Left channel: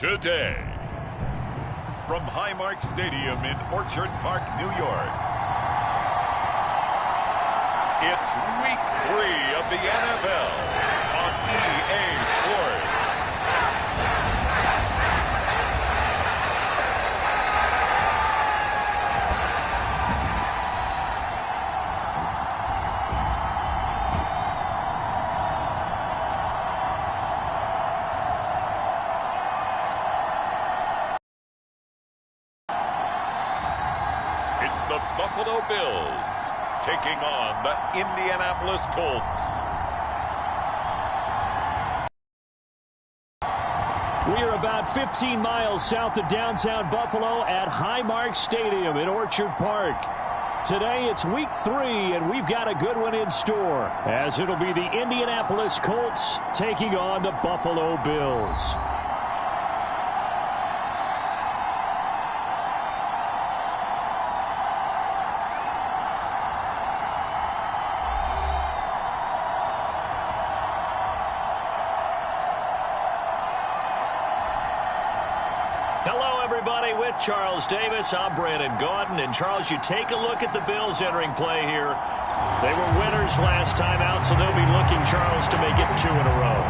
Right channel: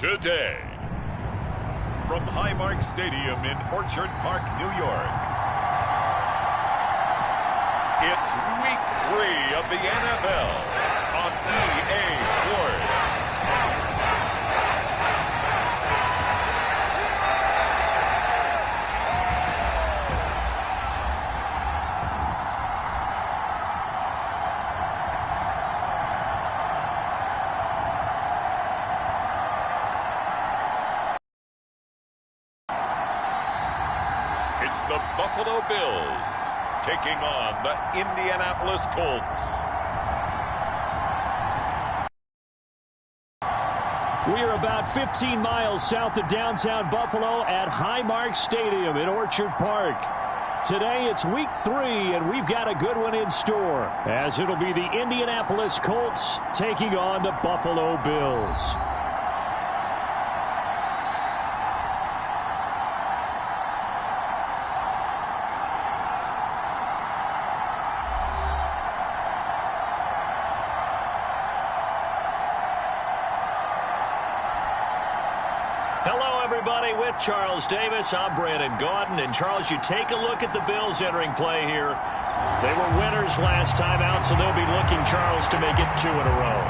today. From Highmark Stadium in Orchard Park, New York, it's Week 3 of the NFL on EA Sports. It's the Buffalo Bills taking on the Indianapolis Colts. We are about 15 miles south of downtown Buffalo at Highmark Stadium in Orchard Park. Today it's Week 3, and we've got a good one in store, as it'll be the Indianapolis Colts taking on the Buffalo Bills. Hello, everybody. With Charles Davis, I'm Brandon Gaudin. And, Charles, you take a look at the Bills entering play here. They were winners last time out, so they'll be looking, Charles, to make it 2 in a row.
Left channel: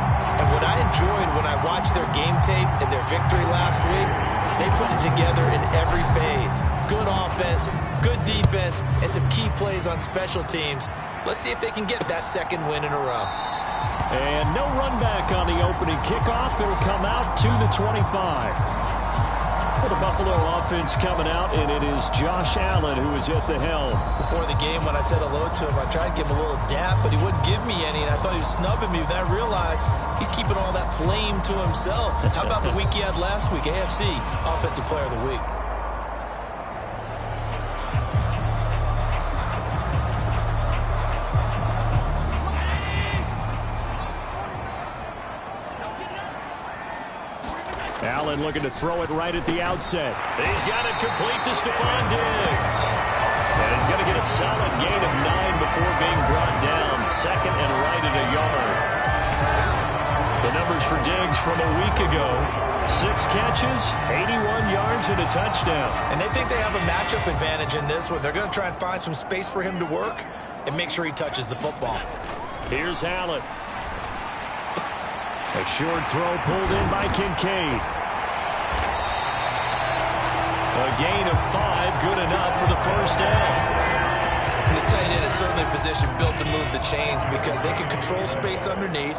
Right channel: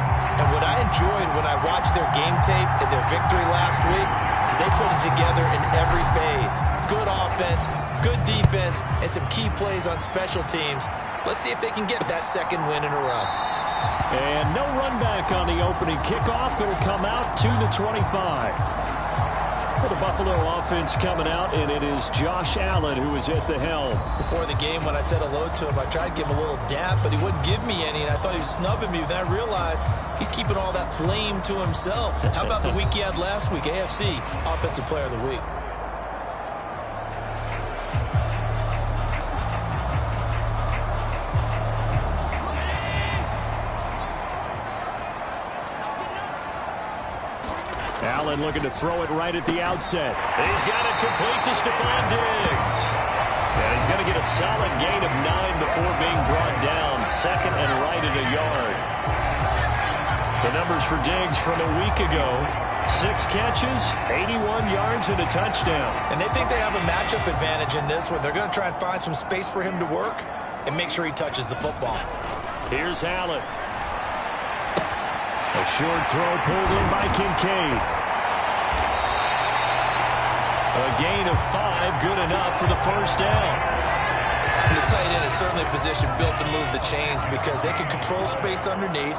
And what I enjoyed when I watched their game tape and their victory last week is they put it together in every phase. Good offense, good defense, and some key plays on special teams. Let's see if they can get that second win in a row. And no run back on the opening kickoff. It'll come out to the 25. Well, the Buffalo offense coming out, and it is Josh Allen who is at the helm. Before the game, when I said hello to him, I tried to give him a little dap, but he wouldn't give me any, and I thought he was snubbing me. Then I realized he's keeping all that flame to himself. How about the week he had last week? AFC Offensive Player of the Week. Allen looking to throw it right at the outset. He's got it complete to Stephon Diggs. And he's going to get a solid gain of 9 before being brought down. Second and right at a yard. The numbers for Diggs from a week ago: 6 catches, 81 yards, and a touchdown. And they think they have a matchup advantage in this one. They're going to try and find some space for him to work and make sure he touches the football. Here's Allen. A short throw pulled in by Kincaid. A gain of 5, good enough for the first down. And the tight end is certainly a position built to move the chains because they can control space underneath.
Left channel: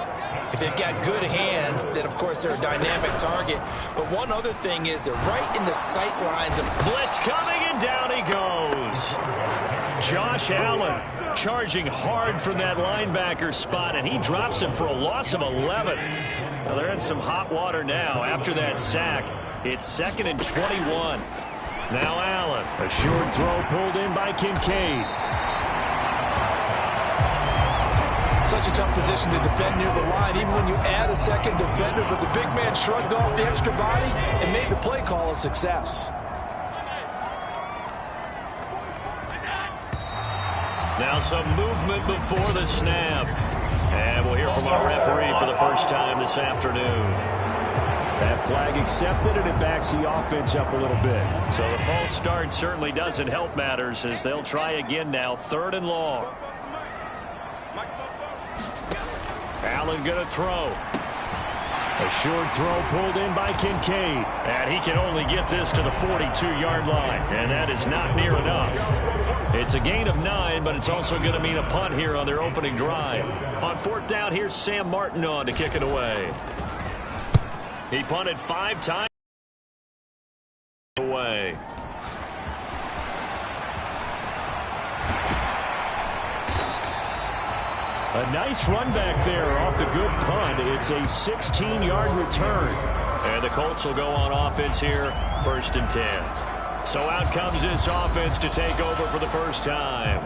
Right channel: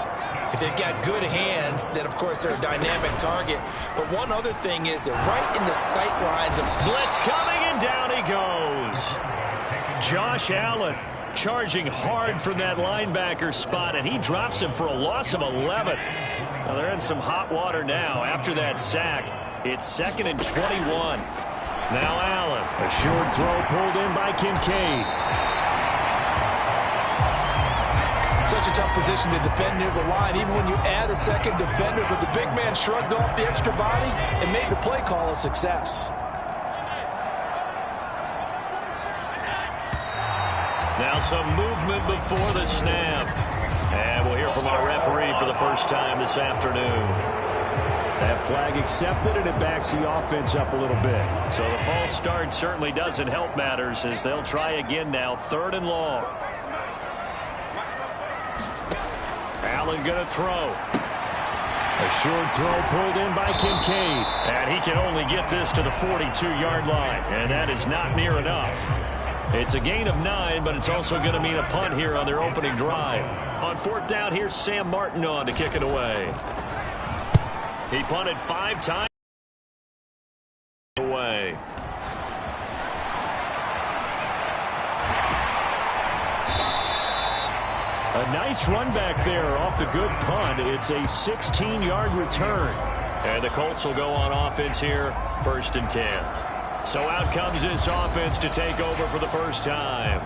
If they've got good hands, then, of course, they're a dynamic target. But one other thing is they're right in the sight lines of blitz coming, and down he goes. Josh Allen charging hard from that linebacker spot, and he drops him for a loss of 11. Now they're in some hot water now after that sack. It's 2nd and 21. Now Allen. A short throw pulled in by Kincaid. Such a tough position to defend near the line, even when you add a second defender, but the big man shrugged off the extra body and made the play call a success. Now some movement before the snap. And we'll hear from our referee for the first time this afternoon. That flag accepted, and it backs the offense up a little bit. So the false start certainly doesn't help matters as they'll try again now, 3rd and long. Allen going to throw. A short throw pulled in by Kincaid. And he can only get this to the 42-yard line, and that is not near enough. It's a gain of 9, but it's also going to mean a punt here on their opening drive. On 4th down, here's Sam Martin on to kick it away. He punted 5 times away. A nice run back there off the good punt. It's a 16-yard return. And the Colts will go on offense here, 1st and 10. So out comes this offense to take over for the first time.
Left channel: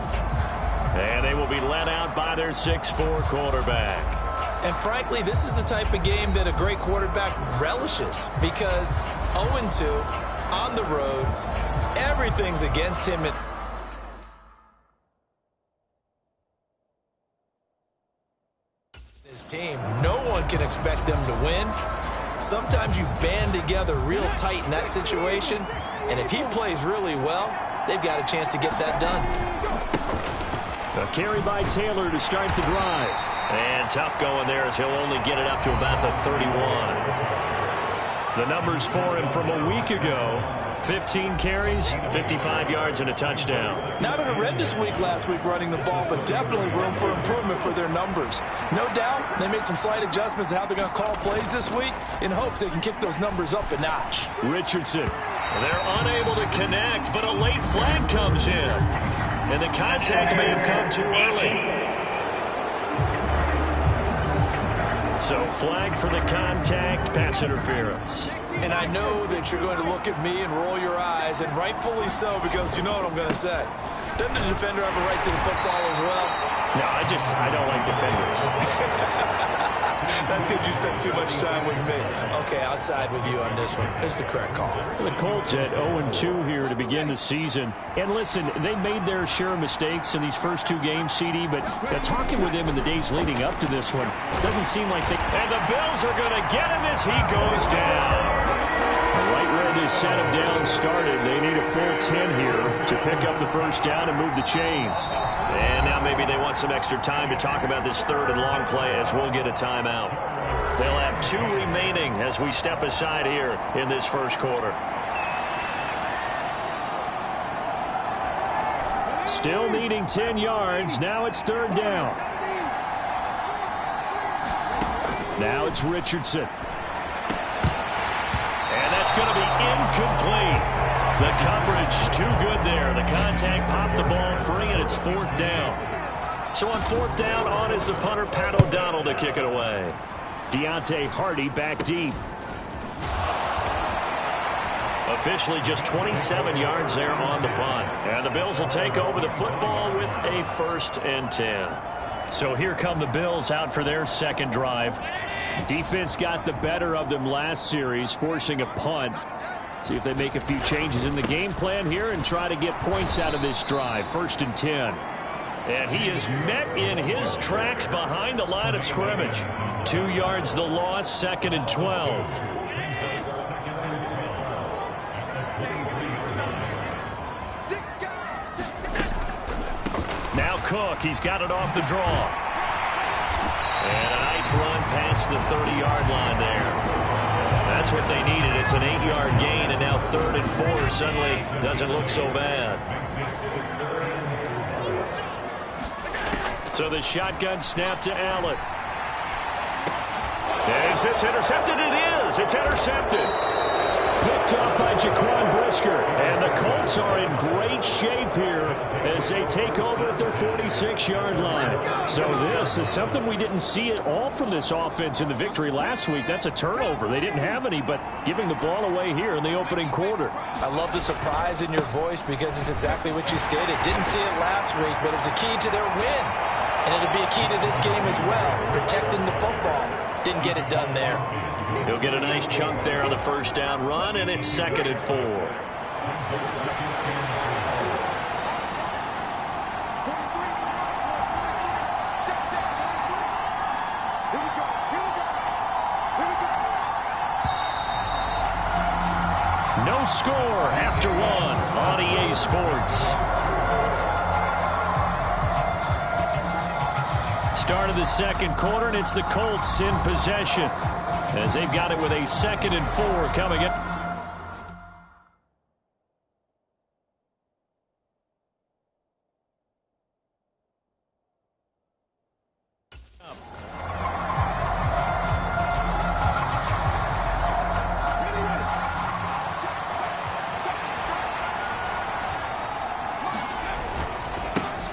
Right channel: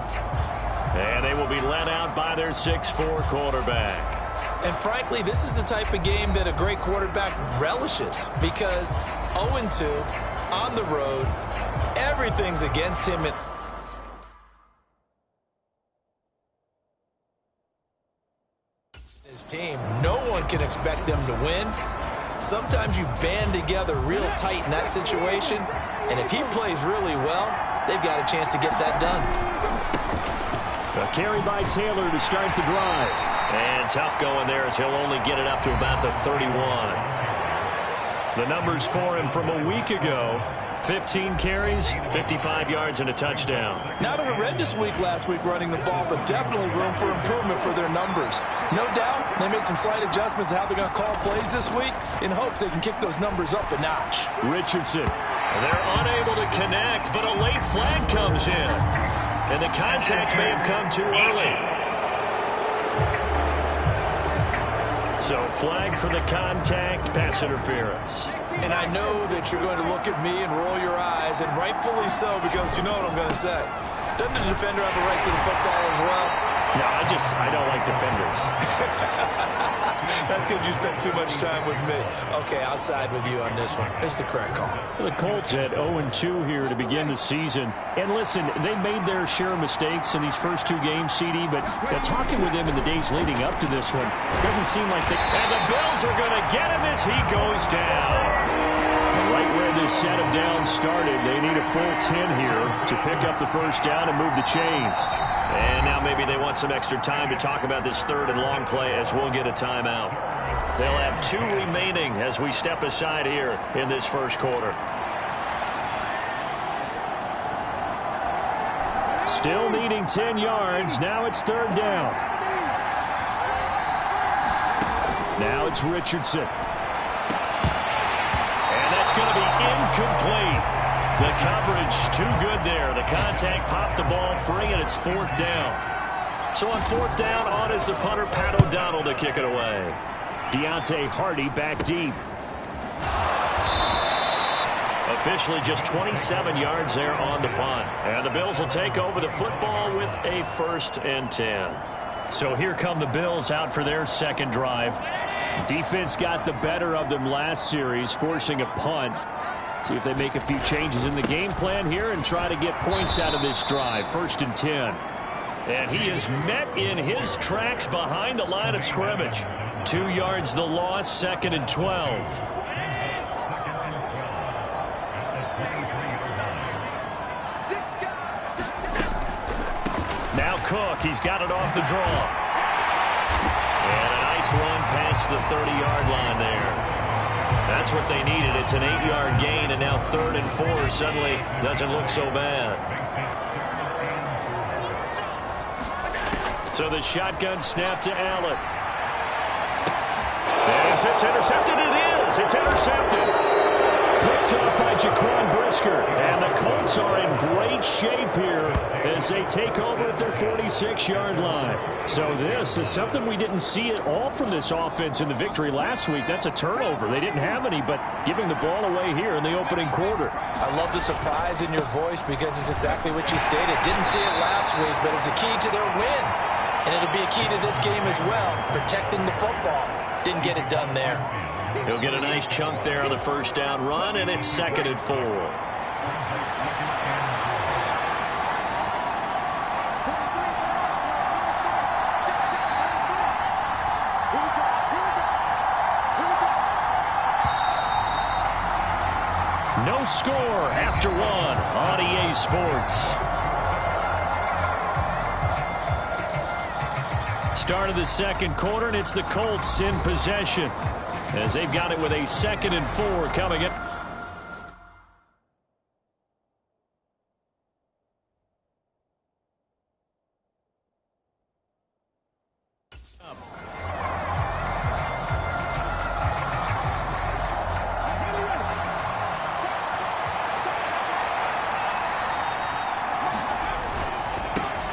And they will be led out by their 6'4" quarterback. And frankly, this is the type of game that a great quarterback relishes because 0-2 on the road, everything's against him. His team, no one can expect them to win. Sometimes you band together real tight in that situation, and if he plays really well, they've got a chance to get that done. A carry by Taylor to start the drive. And tough going there as he'll only get it up to about the 31. The numbers for him from a week ago: 15 carries, 55 yards, and a touchdown. Not a horrendous week last week running the ball, but definitely room for improvement for their numbers. No doubt they made some slight adjustments to how they're going to call plays this week in hopes they can kick those numbers up a notch. Richardson. They're unable to connect, but a late flag comes in. And the contact may have come too early. So flag for the contact, pass interference. And I know that you're going to look at me and roll your eyes, and rightfully so, because you know what I'm going to say. Doesn't the defender have a right to the football as well? No, I don't like defenders. That's because you spent too much time with me. Okay, I'll side with you on this one. It's the correct call. The Colts at 0-2 here to begin the season. And listen, they made their share of mistakes in these first two games, CD, but talking with them in the days leading up to this one, doesn't seem like they... And the Bills are going to get him as he goes down. Right where this set of downs started, they need a full 10 here to pick up the first down and move the chains. And now maybe they want some extra time to talk about this third and long play as we'll get a timeout. They'll have 2 remaining as we step aside here in this first quarter. Still needing 10 yards. Now it's third down. Now it's Richardson. And that's going to be incomplete. The coverage too good there. The contact popped the ball free, and it's fourth down. So on fourth down, on is the punter, Pat O'Donnell, to kick it away. Deontay Hardy back deep. Officially just 27 yards there on the punt. And the Bills will take over the football with a 1st and 10. So here come the Bills out for their second drive. Defense got the better of them last series, forcing a punt. See if they make a few changes in the game plan here and try to get points out of this drive. 1st and 10. And he is met in his tracks behind the line of scrimmage. 2 yards the loss, 2nd and 12. Now Cook, he's got it off the draw. And a nice run past the 30-yard line there. That's what they needed. It's an 8-yard gain, and now 3rd and 4 suddenly doesn't look so bad. So the shotgun snap to Allen. Is this intercepted? It is. It's intercepted. Picked up by Jaquan Brisker. And the Colts are in great shape here as they take over at their 46-yard line. So this is something we didn't see at all from this offense in the victory last week. That's a turnover. They didn't have any, but giving the ball away here in the opening quarter. I love the surprise in your voice because it's exactly what you stated. Didn't see it last week, but it's a key to their win. And it'll be a key to this game as well, protecting the football. Didn't get it done there. He'll get a nice chunk there on the first down run, and it's 2nd and 4. No score after 1 on EA Sports. Start of the second quarter, and it's the Colts in possession as they've got it with a 2nd and 4 coming up.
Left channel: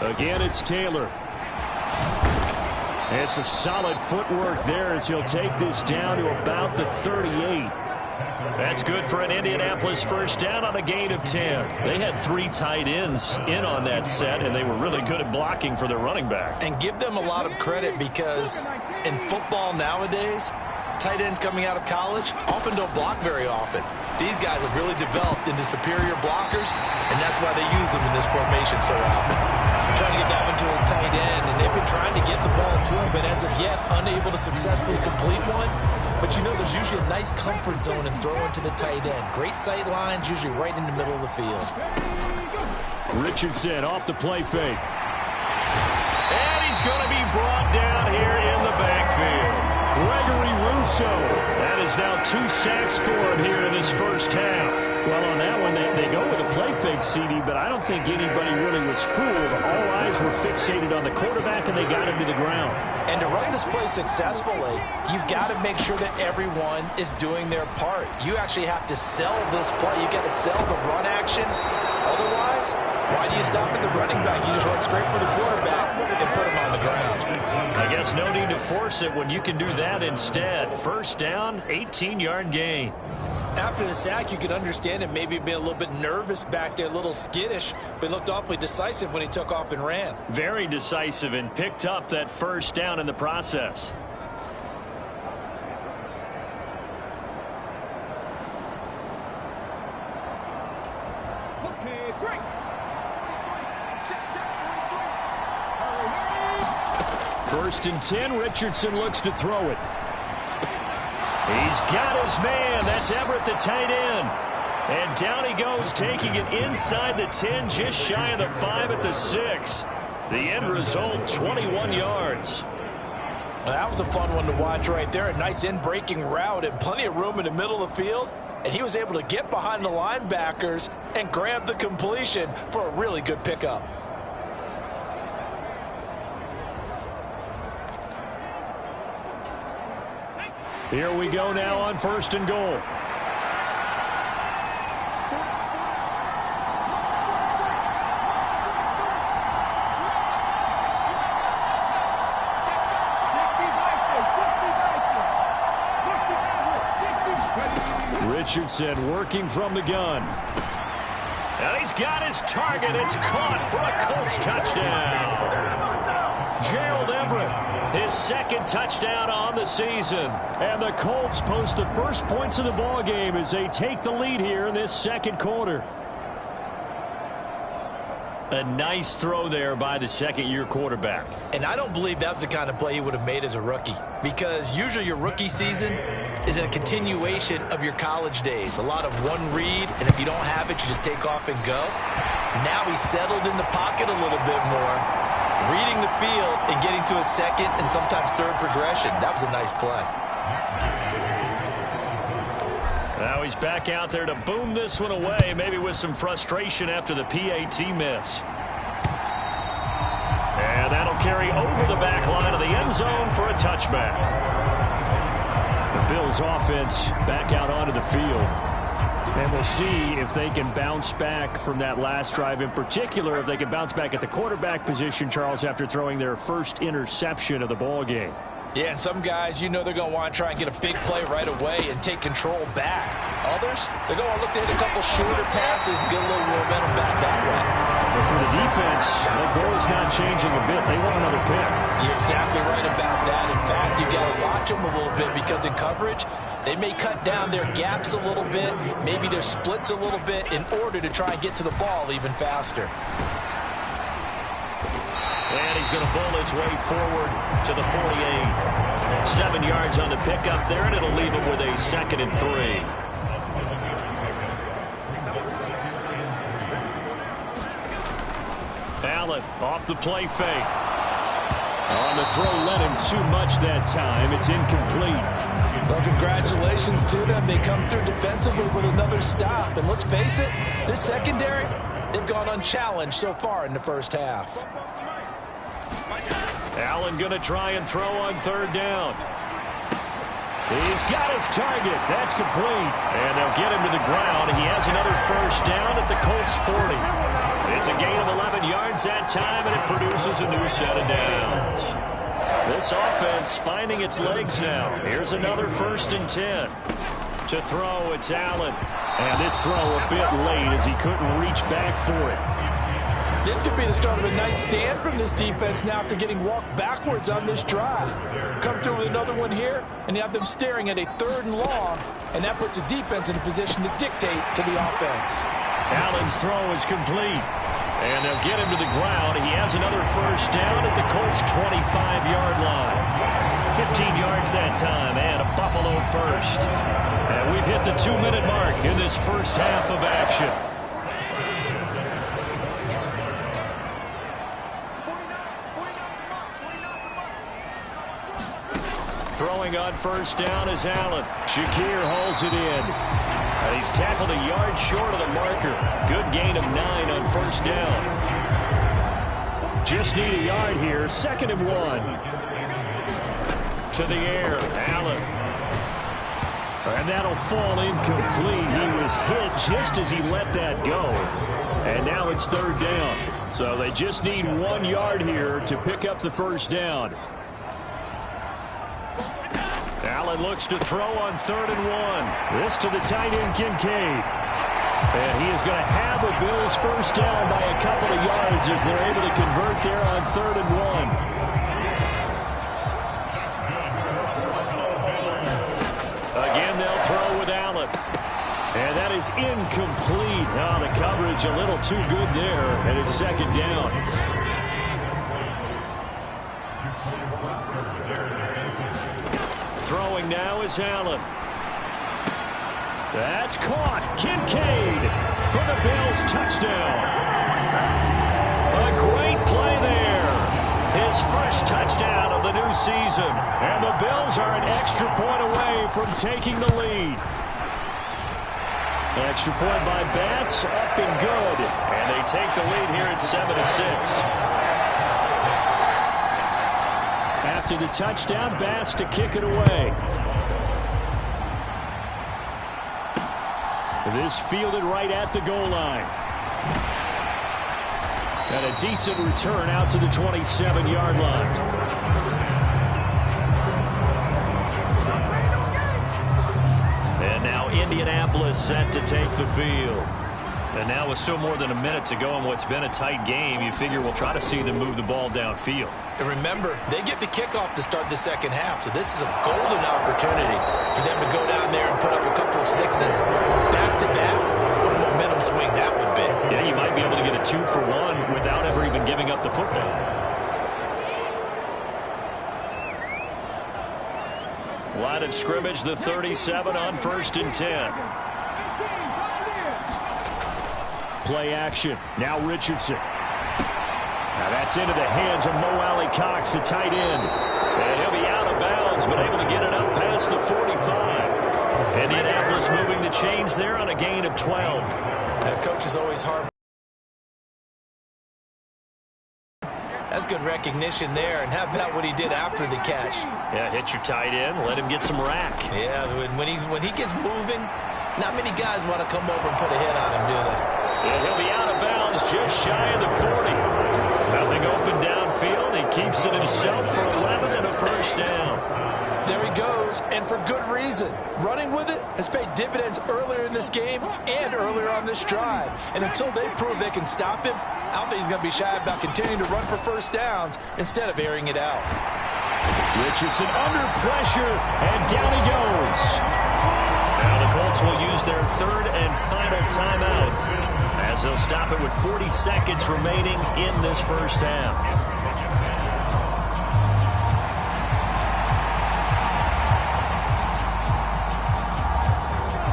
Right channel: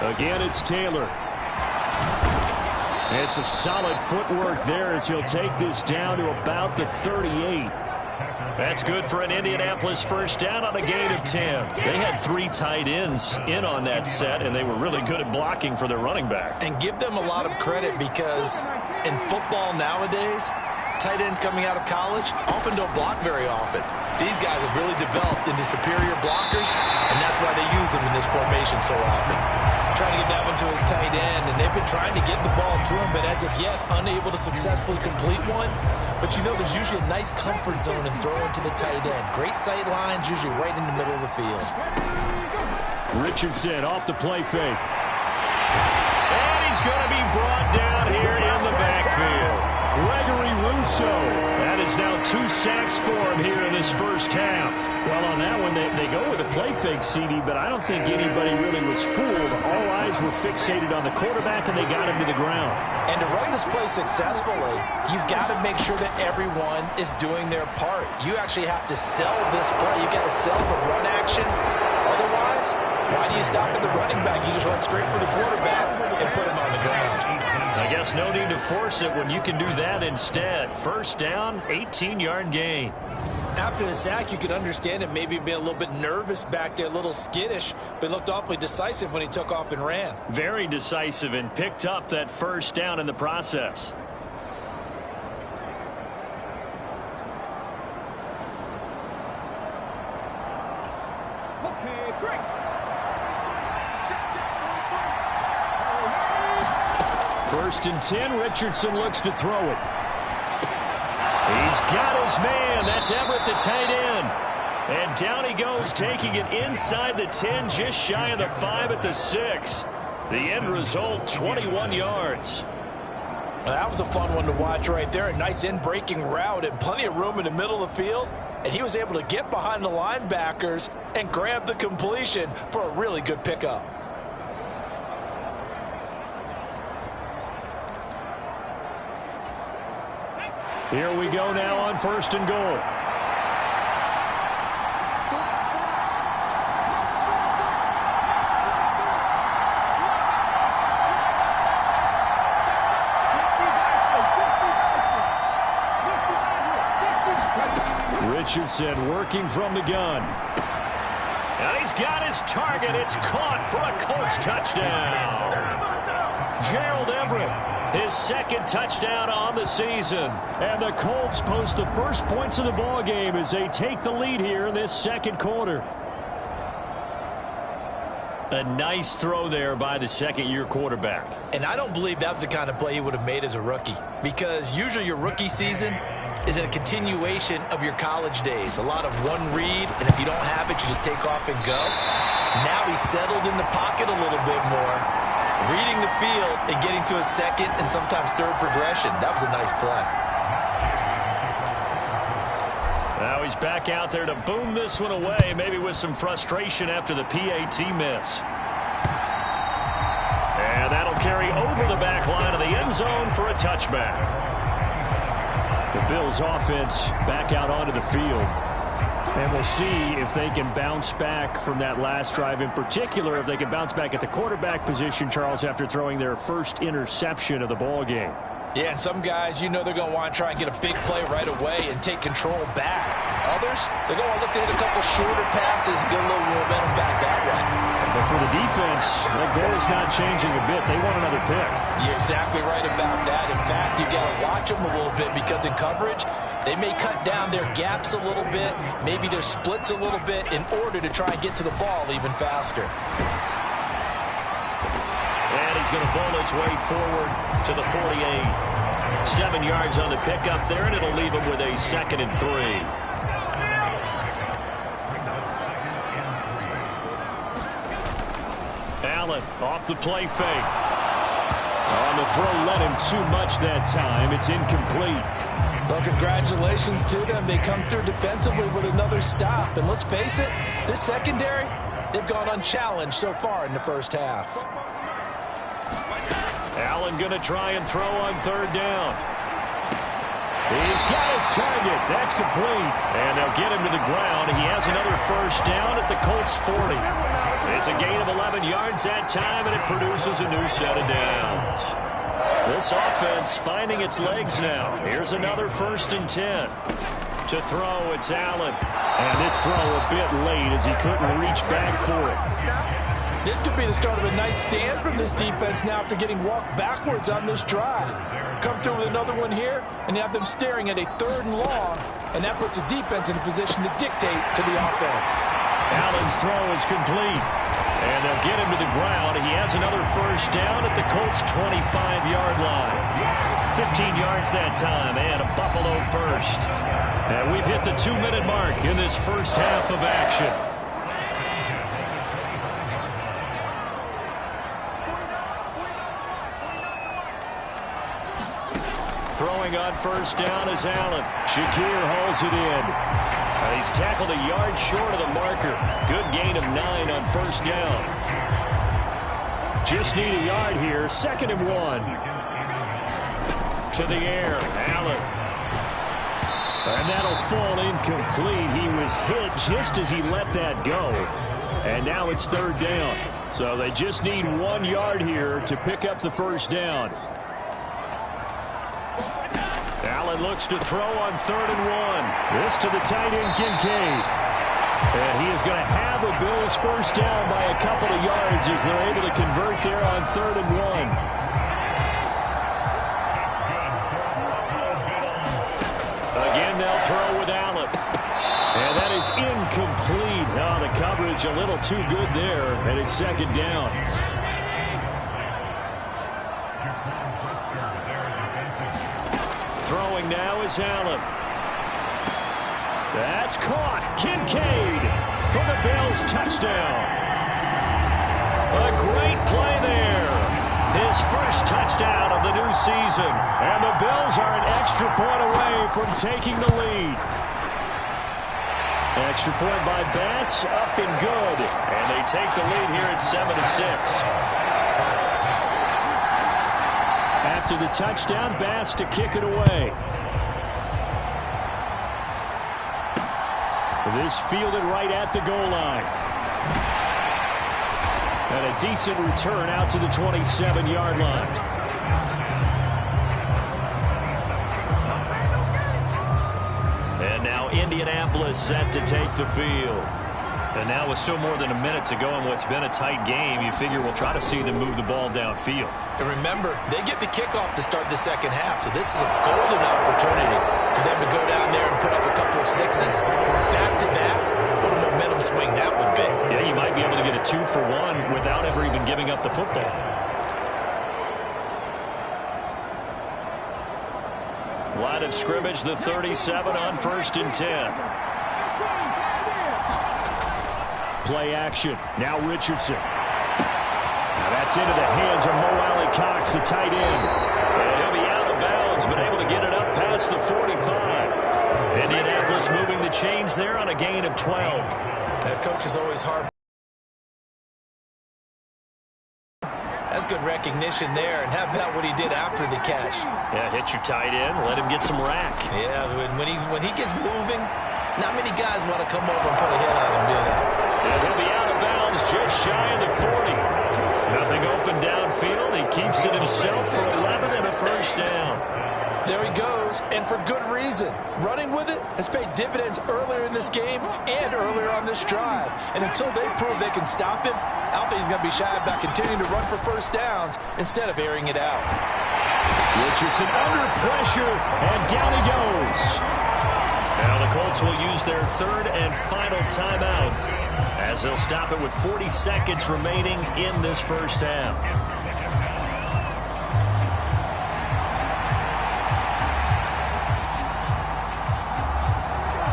Again, it's Taylor. And some solid footwork there as he'll take this down to about the 38. That's good for an Indianapolis first down on a gain of 10. They had 3 tight ends in on that set, and they were really good at blocking for their running back. And give them a lot of credit because in football nowadays, tight ends coming out of college often don't block very often. These guys have really developed into superior blockers, and that's why they use them in this formation so often. Trying to get that one to his tight end, and they've been trying to get the ball to him, but as of yet, unable to successfully complete one. But you know, there's usually a nice comfort zone in throwing to the tight end. Great sight lines, usually right in the middle of the field. Richardson off the play fake. And he's going to be brought down here in the backfield. Gregory Rousseau. That is now 2 sacks for him here in this first half. Well, on that one, they go with a play fake, CD, but I don't think anybody really was fooled. All eyes were fixated on the quarterback, and they got him to the ground. And to run this play successfully, you've got to make sure that everyone is doing their part. You actually have to sell this play. You've got to sell the run action. Otherwise, why do you stop at the running back? You just run straight for the quarterback and put him on the ground. I guess no need to force it when you can do that instead. First down, 18-yard gain. After the sack, you could understand him maybe being a little bit nervous back there, a little skittish, but he looked awfully decisive when he took off and ran. Very decisive and picked up that first down in the process. Okay, great. 1st and 10, Richardson looks to throw it. He's got his man. That's Everett, the tight end. And down he goes, taking it inside the 10, just shy of the 5 at the 6. The end result, 21 yards. Well, that was a fun one to watch right there. A nice in-breaking route and plenty of room in the middle of the field. And he was able to get behind the linebackers and grab the completion for a really good pickup. Here we go now on 1st and goal. Richardson working from the gun. And he's got his target. It's caught for a Colts touchdown. Gerald Everett, his 2nd touchdown on the season. And the Colts post the first points of the ball game as they take the lead here in this 2nd quarter. A nice throw there by the 2nd-year quarterback. And I don't believe that was the kind of play he would have made as a rookie, because usually your rookie season is a continuation of your college days. A lot of one read, and if you don't have it, you just take off and go. Now he's settled in the pocket a little bit more, reading the field and getting to a 2nd and sometimes 3rd progression. That was a nice play. Now he's back out there to boom this one away, maybe with some frustration after the PAT miss. And that'll carry over the back line of the end zone for a touchback. The Bills offense back out onto the field. And we'll see if they can bounce back from that last drive, in particular if they can bounce back at the quarterback position, Charles, after throwing their first interception of the ball game. Yeah, and some guys, you know they're going to want to try and get a big play right away and take control back. Others, they're going to look to hit a couple shorter passes, get a little momentum back that way. But for the defense, the goal's not changing a bit. They want another pick. You're exactly right about that. In fact, you've got to watch them a little bit, because in coverage, they may cut down their gaps a little bit, maybe their splits a little bit, in order to try and get to the ball even faster. And he's going to bowl his way forward to the 48. 7 yards on the pickup there, and it'll leave him with a 2nd and 3. Allen off the play fake. On the throw, led him too much that time. It's incomplete. Well, congratulations to them. They come through defensively with another stop. And let's face it, this secondary, they've gone unchallenged so far in the first half. Allen going to try and throw on 3rd down. He's got his target. That's complete. And they'll get him to the ground. He has another first down at the Colts 40. It's a gain of 11 yards that time, and it produces a new set of downs. This offense finding its legs now. Here's another 1st and 10. To throw, it's Allen. And this throw a bit late as he couldn't reach back for it. This could be the start of a nice stand from this defense now after getting walked backwards on this drive. Come through with another one here, and you have them staring at a 3rd and long, and that puts the defense in a position to dictate to the offense. Allen's throw is complete. And they'll get him to the ground. He has another first down at the Colts' 25-yard line. 15 yards that time, and a Buffalo first. And we've hit the 2-minute mark in this first half of action. Throwing on first down is Allen. Shakir hauls it in. And he's tackled a yard short of the marker. Good gain of 9 on first down. Just need a yard here. 2nd and 1. To the air. Allen. And that'll fall incomplete. He was hit just as he let that go. And now it's 3rd down. So they just need 1 yard here to pick up the first down. Allen looks to throw on 3rd and 1. This to the tight end, Kincaid. And he is going to have a Bills first down by a couple of yards as they're able to convert there on 3rd and 1. Again, they'll throw with Allen. And that is incomplete. Oh, the coverage a little too good there, and it's 2nd down. Throwing now is Allen. That's caught. Kincaid for the Bills touchdown. A great play there. His first touchdown of the new season. And the Bills are an extra point away from taking the lead. Extra point by Bass, up and good. And they take the lead here at 7-6. After the touchdown, Bass to kick it away. This fielded right at the goal line. And a decent return out to the 27-yard line. And now Indianapolis set to take the field. And now with still more than a minute to go in what's been a tight game, you figure we'll try to see them move the ball downfield. And remember, they get the kickoff to start the second half, so this is a golden opportunity for them to go down there and put up a couple of sixes back-to-back. What a momentum swing that would be. Yeah, you might be able to get a 2-for-1 without ever even giving up the football. Line of scrimmage, the 37 on 1st and 10. Play action. Now Richardson. Now that's into the hands of Mo Alley Cox, the tight end. And he'll be out of bounds, but able to get it up past the 45. Indianapolis moving the chains there on a gain of 12. That coach is always hard. That's good recognition there. And how about what he did after the catch? Yeah, hit your tight end, let him get some rack. Yeah, when he gets moving, not many guys want to come over and put a hit on him, do they? And he'll be out of bounds just shy of the 40. Nothing open downfield. He keeps it himself for 11 and a first down. There he goes, and for good reason. Running with it has paid dividends earlier in this game and earlier on this drive. And until they prove they can stop him, I don't think he's going to be shy about continuing to run for first downs instead of airing it out. Richardson under pressure, and down he goes. Now the Colts will use their 3rd and final timeout as they'll stop it with 40 seconds remaining in this first half.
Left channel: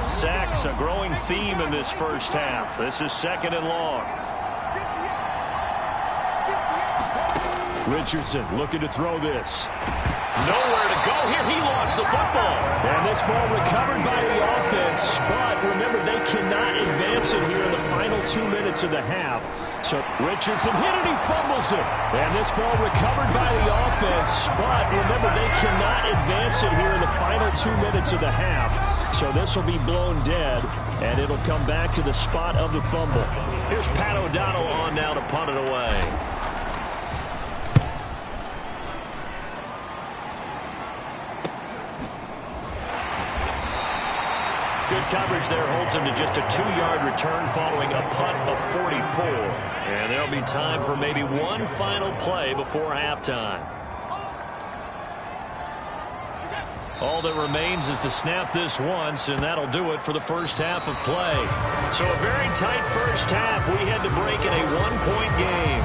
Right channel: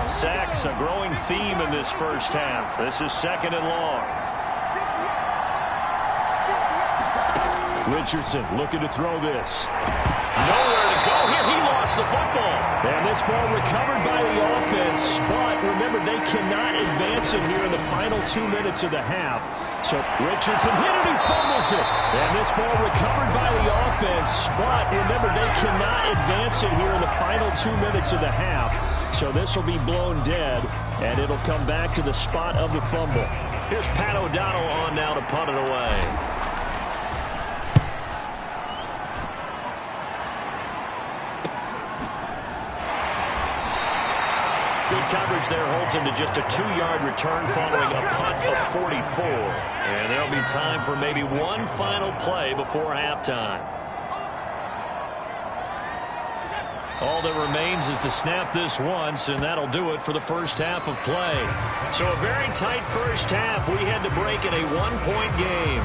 Sacks, a growing theme in this first half. This is 2nd and long. Richardson looking to throw this. Nowhere to go here. He lost the football. And this ball recovered by the offense. But remember, they cannot advance it here in the final 2 minutes of the half. So Richardson hit it. He fumbles it. And this ball recovered by the offense. But remember, they cannot advance it here in the final 2 minutes of the half. So this will be blown dead. And it'll come back to the spot of the fumble. Here's Pat O'Donnell on now to punt it away. Good coverage there holds him to just a 2-yard return following a punt of 44. And there'll be time for maybe one final play before halftime. All that remains is to snap this once, and that'll do it for the first half of play. So a very tight first half. We head to break in a one-point game.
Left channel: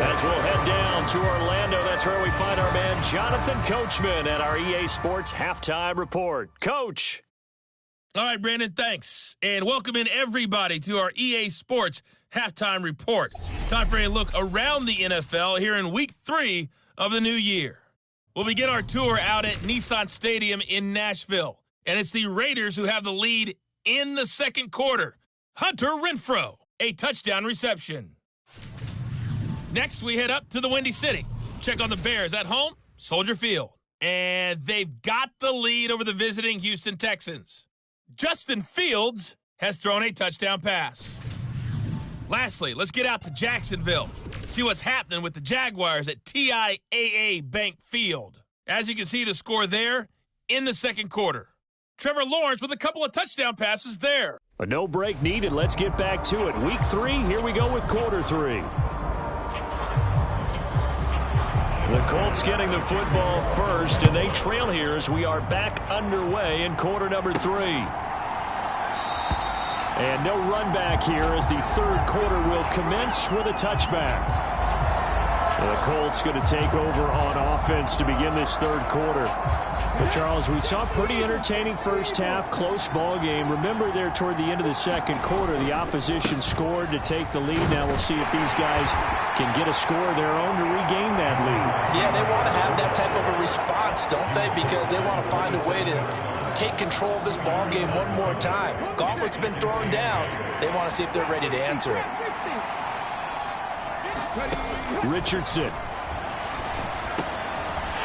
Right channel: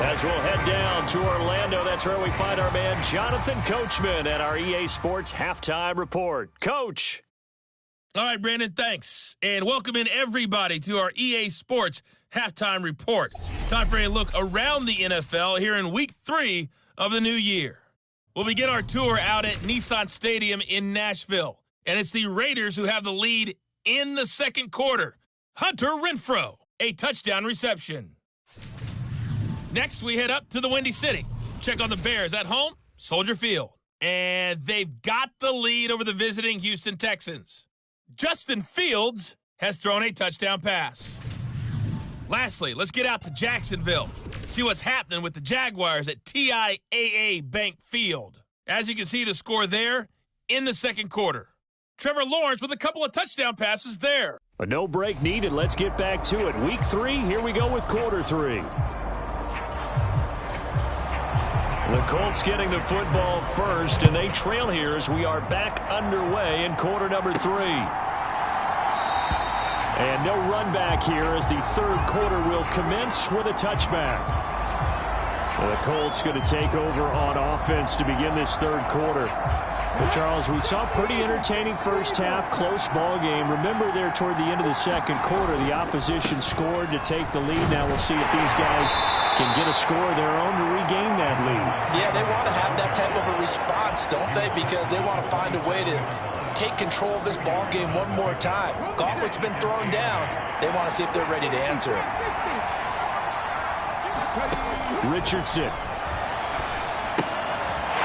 As we'll head down to Orlando, that's where we find our man Jonathan Coachman at our EA Sports Halftime Report. Coach. All right, Brandon, thanks. And welcome in everybody to our EA Sports Halftime Report. Time for a look around the NFL here in Week 3 of the new year. We'll begin our tour out at Nissan Stadium in Nashville. And it's the Raiders who have the lead in the second quarter. Hunter Renfrow, a touchdown reception. Next, we head up to the Windy City. Check on the Bears at home, Soldier Field. And they've got the lead over the visiting Houston Texans. Justin Fields has thrown a touchdown pass. Lastly, let's get out to Jacksonville. See what's happening with the Jaguars at TIAA Bank Field. As you can see the score there in the second quarter. Trevor Lawrence with a couple of touchdown passes there. A no break needed. Let's get back to it. Week 3, here we go with quarter 3. The Colts getting the football first, and they trail here as we are back underway in quarter number 3. And no run back here as the third quarter will commence with a touchback. And the Colts going to take over on offense to begin this third quarter. Well, Charles, we saw a pretty entertaining first half, close ball game. Remember there toward the end of the second quarter, the opposition scored to take the lead. Now we'll see if these guys can get a score of their own to regain that lead. Yeah, they want to have that type of a response, don't they? Because they want to find a way to take control of this ball game one more time. Gauntlet's been thrown down. They want to see if they're ready to answer it. Richardson.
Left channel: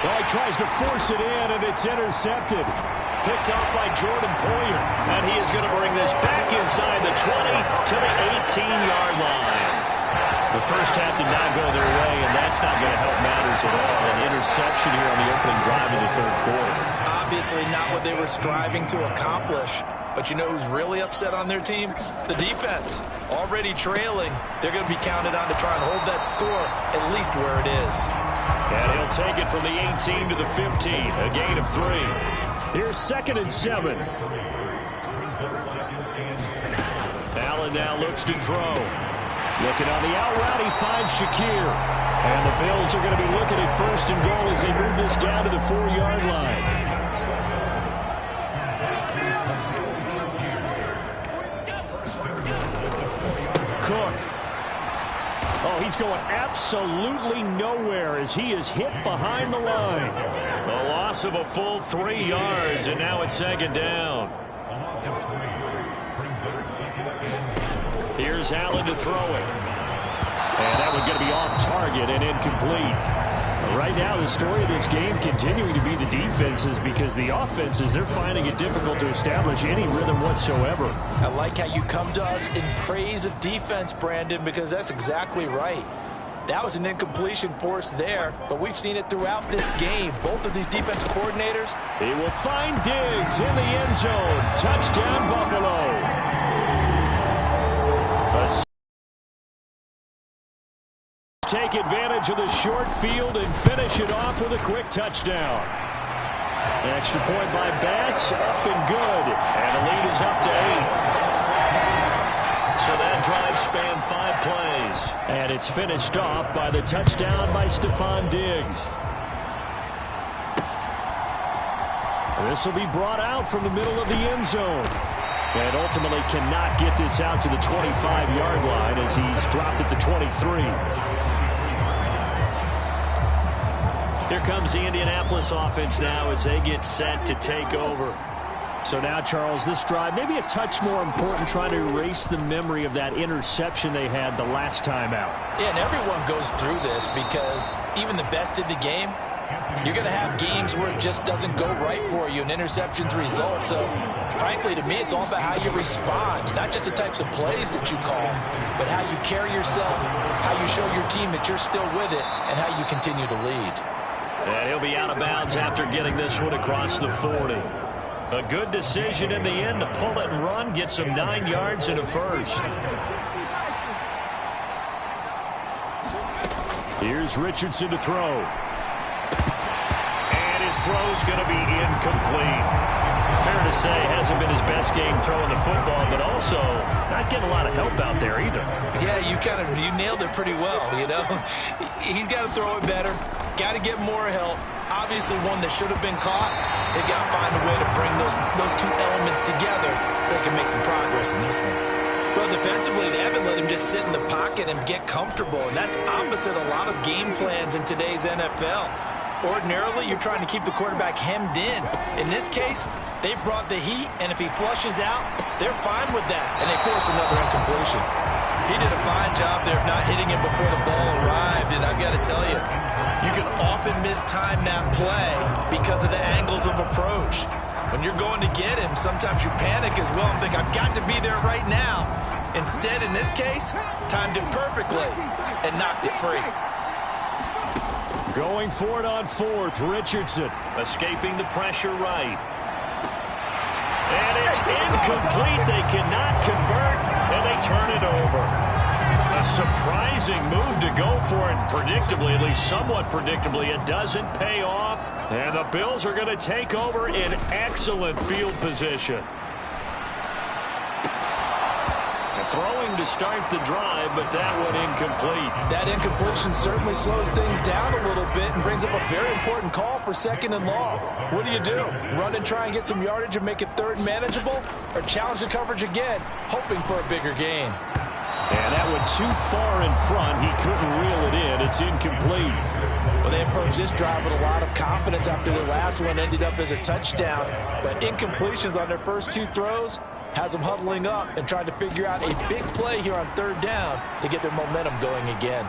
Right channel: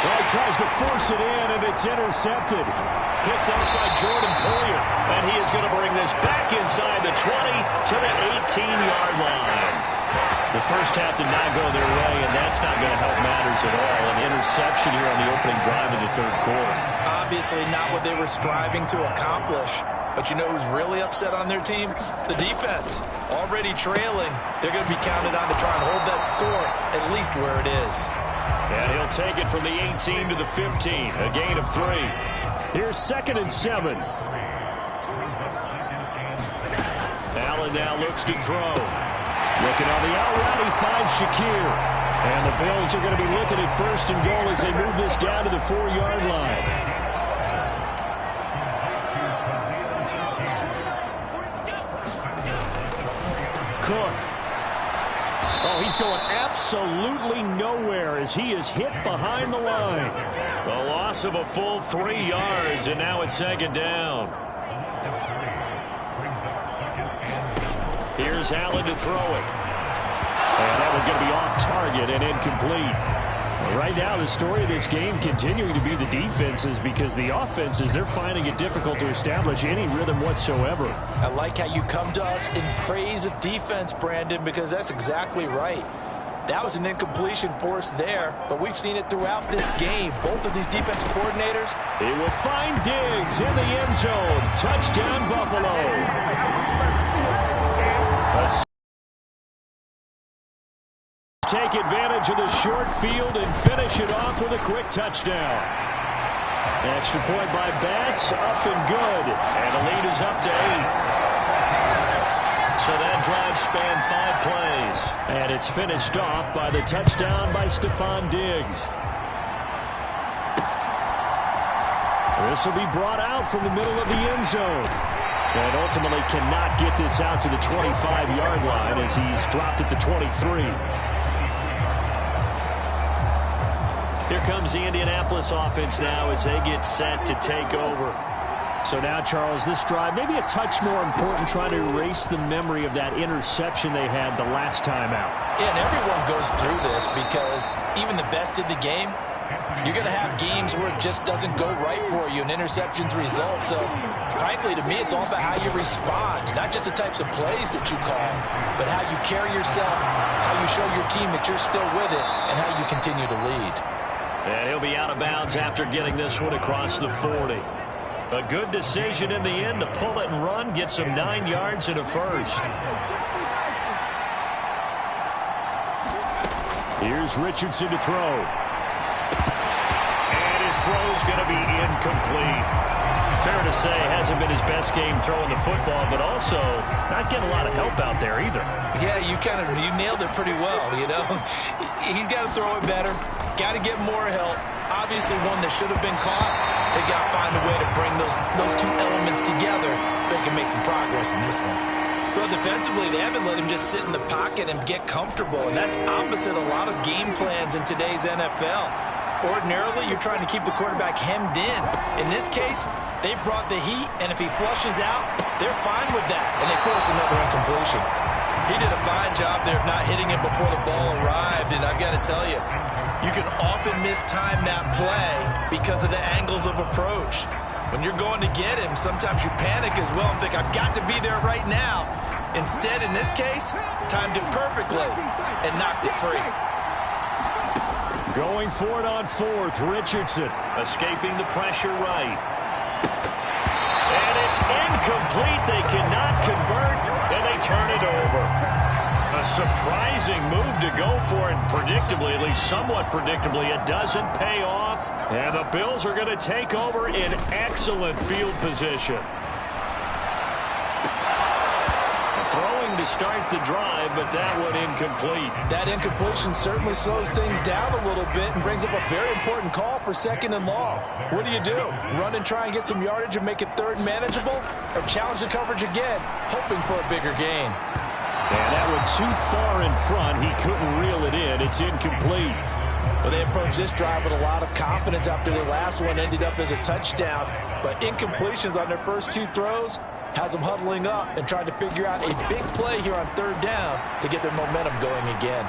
Oh, he tries to force it in, and it's intercepted. Picked off by Jordan Poyer. And he is going to bring this back inside the 20 to the 18-yard line. The first half did not go their way, and that's not going to help matters at all. An interception here on the opening drive of the third quarter. Obviously not what they were striving to accomplish. But you know who's really upset on their team? The defense. Already trailing. They're going to be counted on to try and hold that score at least where it is. And he'll take it from the 18 to the 15. A gain of 3. Here's 2nd and 7. Allen now looks to throw. Looking on the out route, he finds Shakir. And the Bills are going to be looking at 1st and goal as they move this down to the 4-yard line. Cook. Oh, he's going absolutely nowhere as he is hit behind the line. The loss of a full 3 yards, and now it's 2nd down. Here's Allen to throw it. And that one's going to be off target and incomplete. Right now, the story of this game continuing to be the defenses, because the offenses, they're finding it difficult to establish any rhythm whatsoever. I like how you come to us in praise of defense, Brandon, because that's exactly right. That was an incompletion for us there, but we've seen it throughout this game. Both of these defense coordinators. He will find Diggs in the end zone. Touchdown, Buffalo. Take advantage of the short field and finish it off with a quick touchdown. An extra point by Bass, up and good. And the lead is up to 8. So that drive spanned 5 plays. And it's finished off by the touchdown by Stephon Diggs. This will be brought out from the middle of the end zone. And ultimately cannot get this out to the 25-yard line as he's dropped at the 23. Here comes the Indianapolis offense now as they get set to take over. So now, Charles, this drive maybe a touch more important, trying to erase the memory of that interception they had the last time out. Yeah, and everyone goes through this because even the best in the game, you're going to have games where it just doesn't go right for you and interceptions result. So, frankly, to me, it's all about how you respond, not just the types of plays that you call, but how you carry yourself, how you show your team that you're still with it, and how you continue to lead. And he'll be out of bounds after getting this one across the 40. A good decision in the end to pull it and run, get some 9 yards and a first. Here's Richardson to throw. And his his throw's going to be incomplete. Fair to say, hasn't been his best game throwing the football, but also not getting a lot of help out there either. Yeah, you nailed it pretty well, you know. He's got to throw it better, got to get more help. Obviously one that should have been caught. They've got to find a way to bring those two elements together so they can make some progress in this one. Well, defensively, they haven't let him just sit in the pocket and get comfortable, and that's opposite a lot of game plans in today's NFL. Ordinarily, you're trying to keep the quarterback hemmed in. In this case, they brought the heat, and if he flushes out, they're fine with that, and they force another incompletion. He did a fine job there of not hitting him before the ball arrived, and I've got to tell you, you can often mistime that play because of the angles of approach. When you're going to get him, sometimes you panic as well and think, I've got to be there right now. Instead, in this case, timed it perfectly and knocked it free. Going for it on fourth, Richardson escaping the pressure right. And it's incomplete. They cannot convert, and they turn it over. A surprising move to go for it. Predictably, at least somewhat predictably, it doesn't pay off. And the Bills are going to take over in excellent field position. Throwing to start the drive, but that one incomplete. That incompletion certainly slows things down a little bit and brings up a very important call for 2nd and long. What do? Run and try and get some yardage and make it third and manageable? Or challenge the coverage again, hoping for a bigger gain? And that went too far in front. He couldn't reel it in. It's incomplete. Well, they approached this drive with a lot of confidence after their last one ended up as a touchdown. But incompletions on their first two throws has them huddling up and trying to figure out a big play here on 3rd down to get their momentum going again.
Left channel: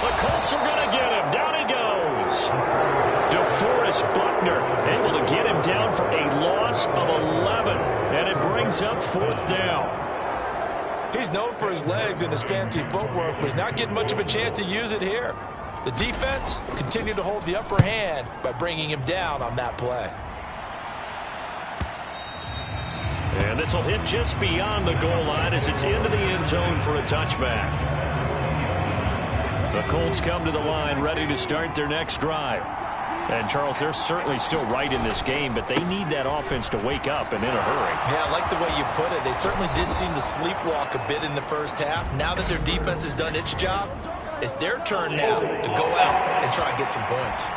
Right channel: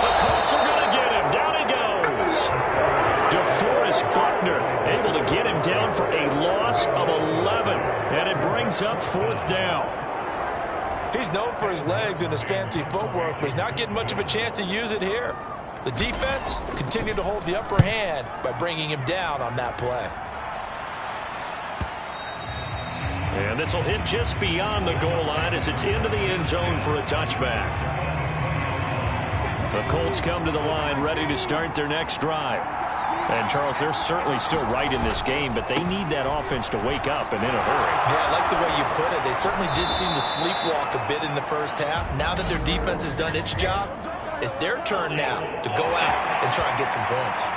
The Colts are going to get him. Down he goes. DeForest Buckner able to get him down for a loss of 11. And it brings up 4th down. He's known for his legs and his fancy footwork, but he's not getting much of a chance to use it here. The defense continued to hold the upper hand by bringing him down on that play. And this will hit just beyond the goal line as it's into the end zone for a touchback. The Colts come to the line ready to start their next drive. And, Charles, they're certainly still right in this game, but they need that offense to wake up and in a hurry. Yeah, I like the way you put it. They certainly did seem to sleepwalk a bit in the first half. Now that their defense has done its job, it's their turn now to go out and try and get some points.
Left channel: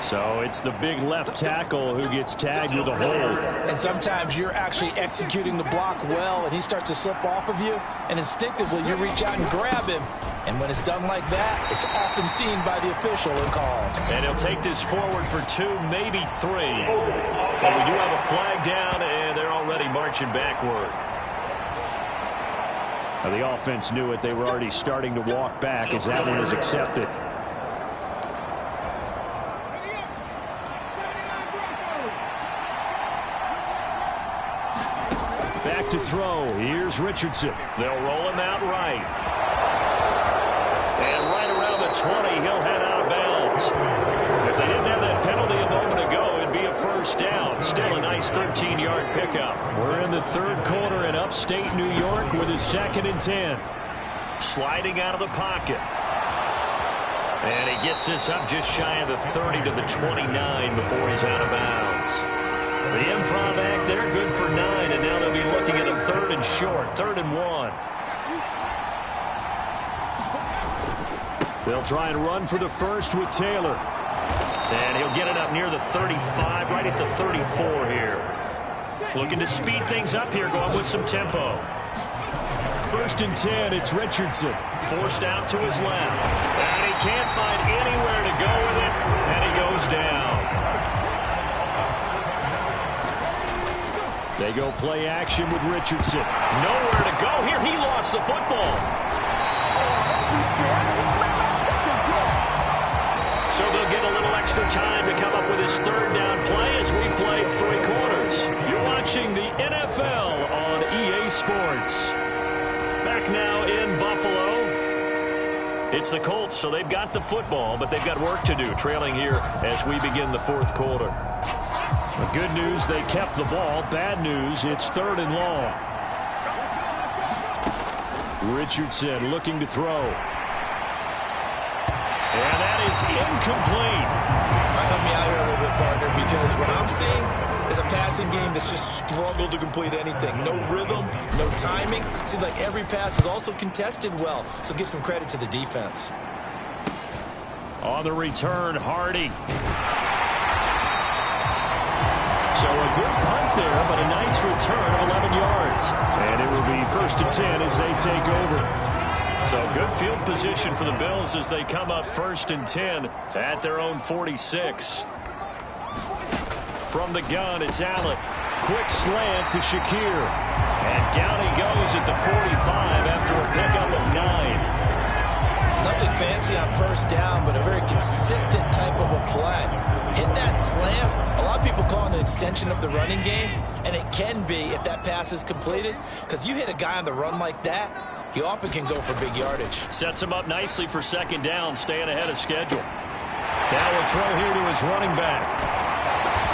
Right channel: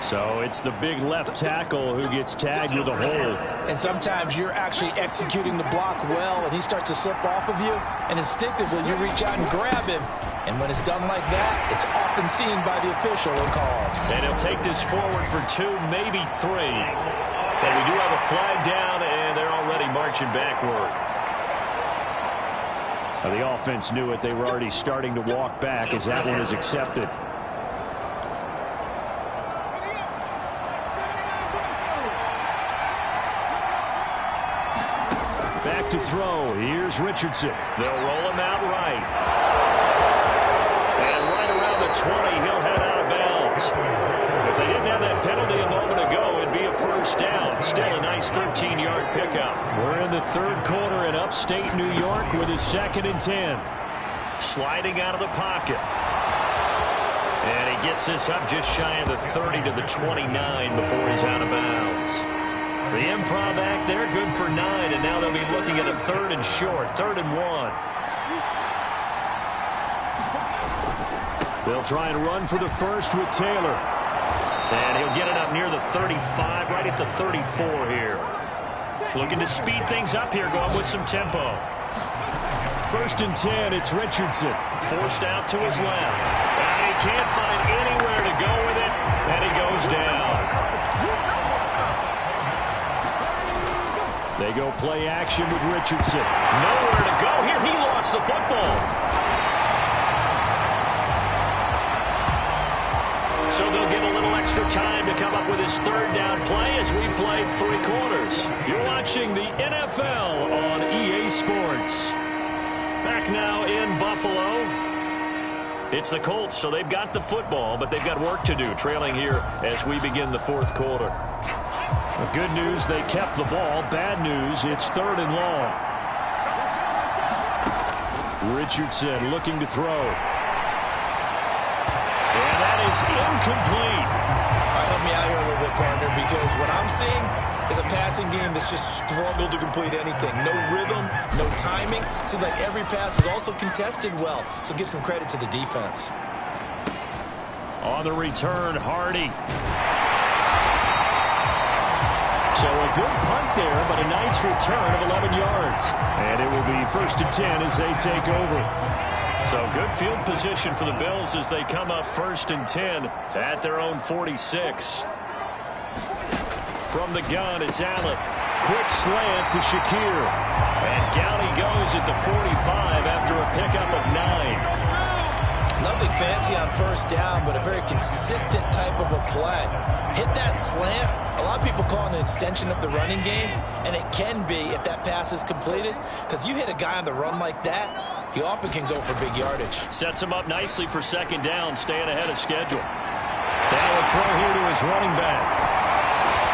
So it's the big left tackle who gets tagged with a hold. And sometimes you're actually executing the block well, and he starts to slip off of you, and instinctively you reach out and grab him. And when it's done like that, it's often seen by the official and called. And he'll take this forward for 2, maybe 3. But we do have a flag down, and they're already marching backward. Now, the offense knew it. They were already starting to walk back as that one is accepted. Back to throw. Here's Richardson. They'll roll him out right. And right around the 20, he'll head out of bounds. If they didn't have that penalty a moment ago, it'd be a 1st down. Still a nice 13-yard pickup. We're in the 3rd quarter in upstate New York with a 2nd and 10. Sliding out of the pocket. And he gets this up just shy of the 30 to the 29 before he's out of bounds. The improv act there, good for 9, and now they'll be looking at a 3rd and short, 3rd and 1. They'll try and run for the first with Taylor. And he'll get it up near the 35, right at the 34 here. Looking to speed things up here, going with some tempo. 1st and 10, it's Richardson. Forced out to his left. And he can't find anywhere to go with it, and he goes down. They go play action with Richardson. Nowhere to go here. He lost the football. So they'll get a little extra time to come up with his 3rd down play as we played 3 quarters. You're watching the NFL on EA Sports. Back now in Buffalo. It's the Colts, so they've got the football, but they've got work to do, trailing here as we begin the 4th quarter. The good news, they kept the ball. Bad news, it's 3rd and long. Richardson looking to throw. And that is incomplete. All right, help me out here a little bit, partner, because what I'm seeing is a passing game that's just struggled to complete anything. No rhythm, no timing. Seems like every pass is also contested well, so give some credit to the defense. On the return, Hardy. So a good punt there, but a nice return of 11 yards. And it will be 1st and 10 as they take over. So good field position for the Bills as they come up 1st and 10 at their own 46. From the gun, it's Allen. Quick slant to Shakir. And down he goes at the 45 after a pickup of 9. Nothing fancy on 1st down, but a very consistent type of a play. Hit that slant. A lot of people call it an extension of the running game, and it can be if that pass is completed, because you hit a guy on the run like that, he often can go for big yardage. Sets him up nicely for 2nd down, staying ahead of schedule. Now a throw here to his running back.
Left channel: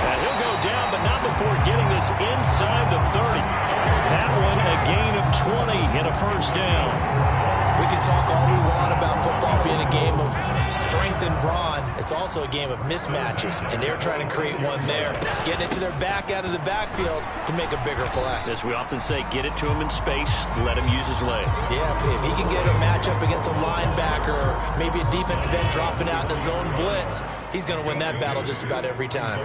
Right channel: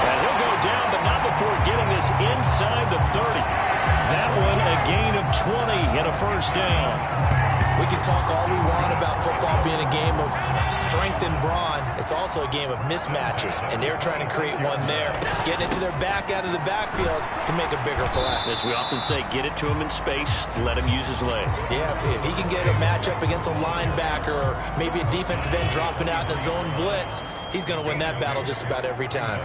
And he'll go down, but not before getting this inside the 30. That one a gain of 20 and a 1st down. We can talk all we want about football being a game of strength and brawn. It's also a game of mismatches, and they're trying to create one there, getting it to their back out of the backfield to make a bigger play. As we often say, get it to him in space, let him use his leg. Yeah, if he can get a matchup against a linebacker or maybe a defensive end dropping out in a zone blitz, he's going to win that battle just about every time.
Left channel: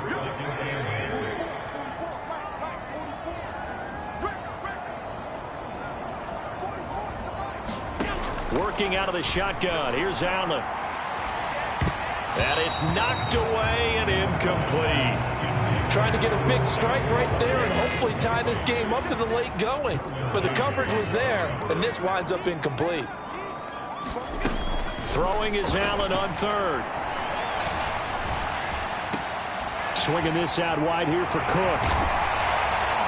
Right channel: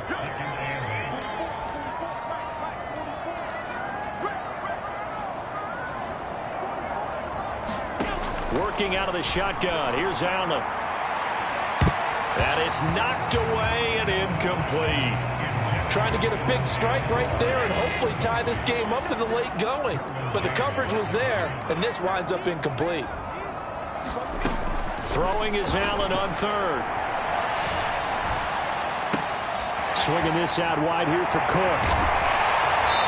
Working out of the shotgun. Here's Allen. And it's knocked away and incomplete. Trying to get a big strike right there and hopefully tie this game up to the late going. But the coverage was there, and this winds up incomplete. Throwing is Allen on 3rd. Swinging this out wide here for Cook.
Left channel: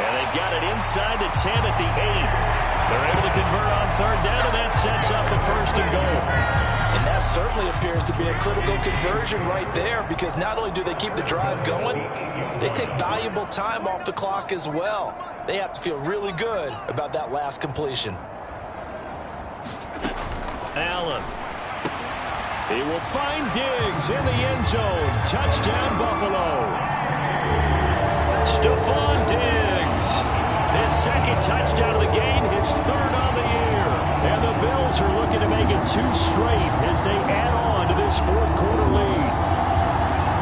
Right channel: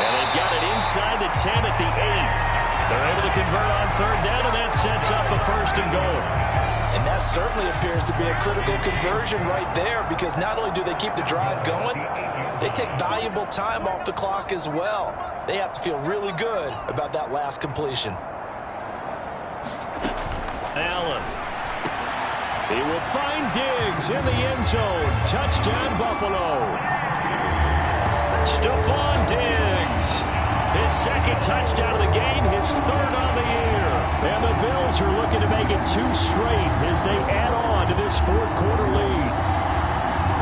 And they've got it inside the 10 at the 8. They're able to convert on 3rd down, and that sets up a 1st and goal. And that certainly appears to be a critical conversion right there, because not only do they keep the drive going, they take valuable time off the clock as well. They have to feel really good about that last completion. Allen. He will find Diggs in the end zone. Touchdown, Buffalo. Stephon Diggs. His 2nd touchdown of the game, his 3rd on the year. And the Bills are looking to make it 2 straight as they add on to this 4th quarter lead.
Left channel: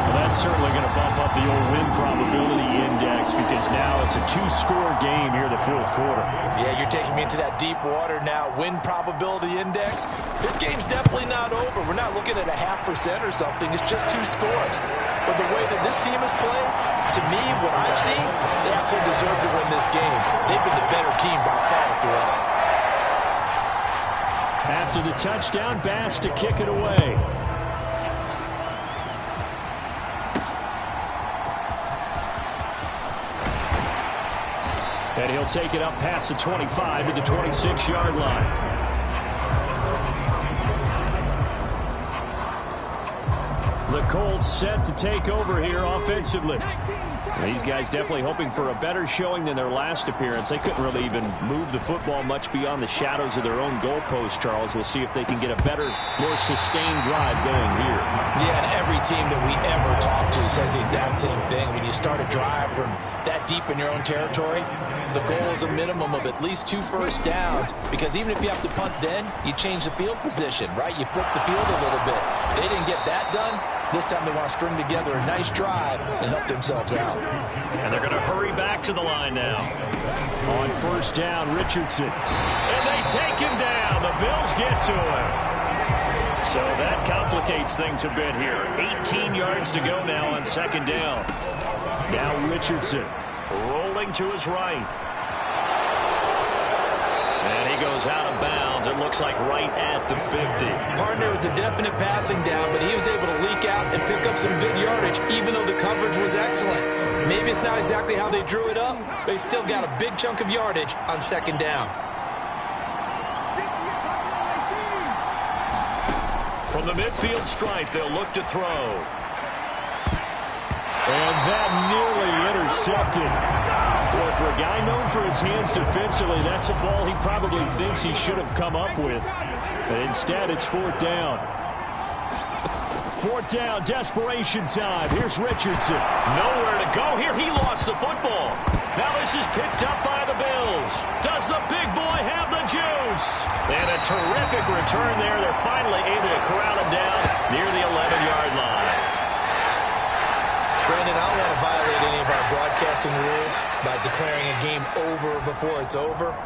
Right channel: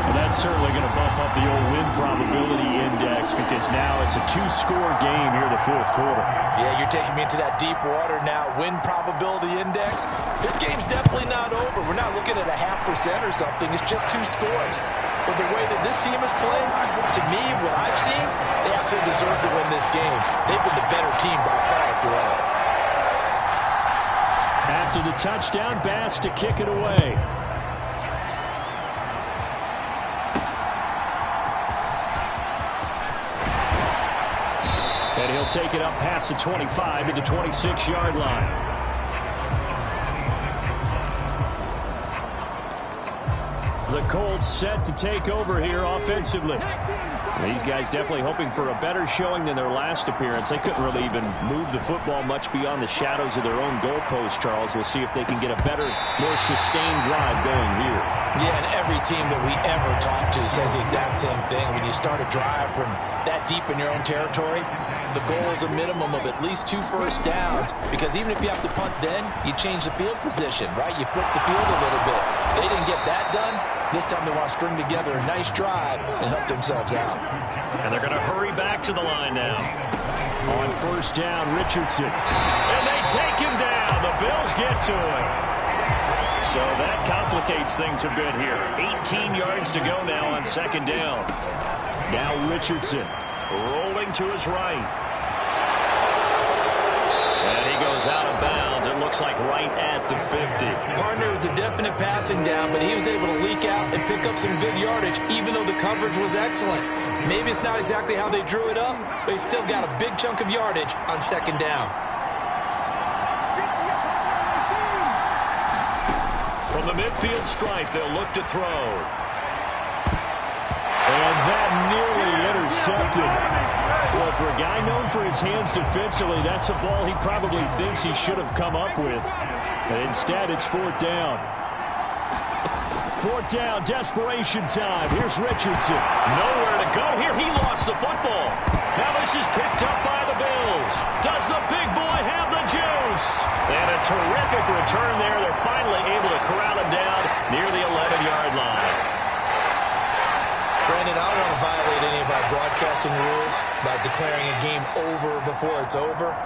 Well, that's certainly going to bump up the old win probability index, because now it's a 2-score game here in the 4th quarter. Yeah, you're taking me into that deep water now. Win probability index. This game's definitely not over. We're not looking at a 0.5% or something. It's just 2 scores. But the way that this team has played, to me, what I've seen, they absolutely deserve to win this game. They've been the better team by far throughout. After the touchdown, Bass to kick it away. And he'll take it up past the 25 to the 26-yard line. The Colts set to take over here offensively. These guys definitely hoping for a better showing than their last appearance. They couldn't really even move the football much beyond the shadows of their own goalpost, Charles. We'll see if they can get a better, more sustained drive going here. Yeah, and every team that we ever talk to says the exact same thing. When you start a drive from that deep in your own territory, the goal is a minimum of at least 2 first downs, because even if you have to punt then, you change the field position, right? You flip the field a little bit. They didn't get that done. This time they want to string together a nice drive and help themselves out. And they're going to hurry back to the line now. On 1st down, Richardson. And they take him down. The Bills get to him. So that complicates things a bit here. 18 yards to go now on 2nd down. Now Richardson rolling to his right. And he goes out of bounds. It looks like right at the 50. Partner, was a definite passing down, but he was able to leak out and pick up some good yardage, even though the coverage was excellent. Maybe it's not exactly how they drew it up, but he still got a big chunk of yardage on 2nd down. From the midfield stripe, they'll look to throw. And that nearly intercepted. Well, for a guy known for his hands defensively, that's a ball he probably thinks he should have come up with. But instead, it's 4th down. Fourth down, desperation time. Here's Richardson. Nowhere to go here. He lost the football. Now this is picked up by the Bills. Does the big boy have the juice? And a terrific return there. They're finally able to corral him down near the 11-yard line. Brandon, I don't want to violate any of our broadcasting rules by declaring a game over before it's over.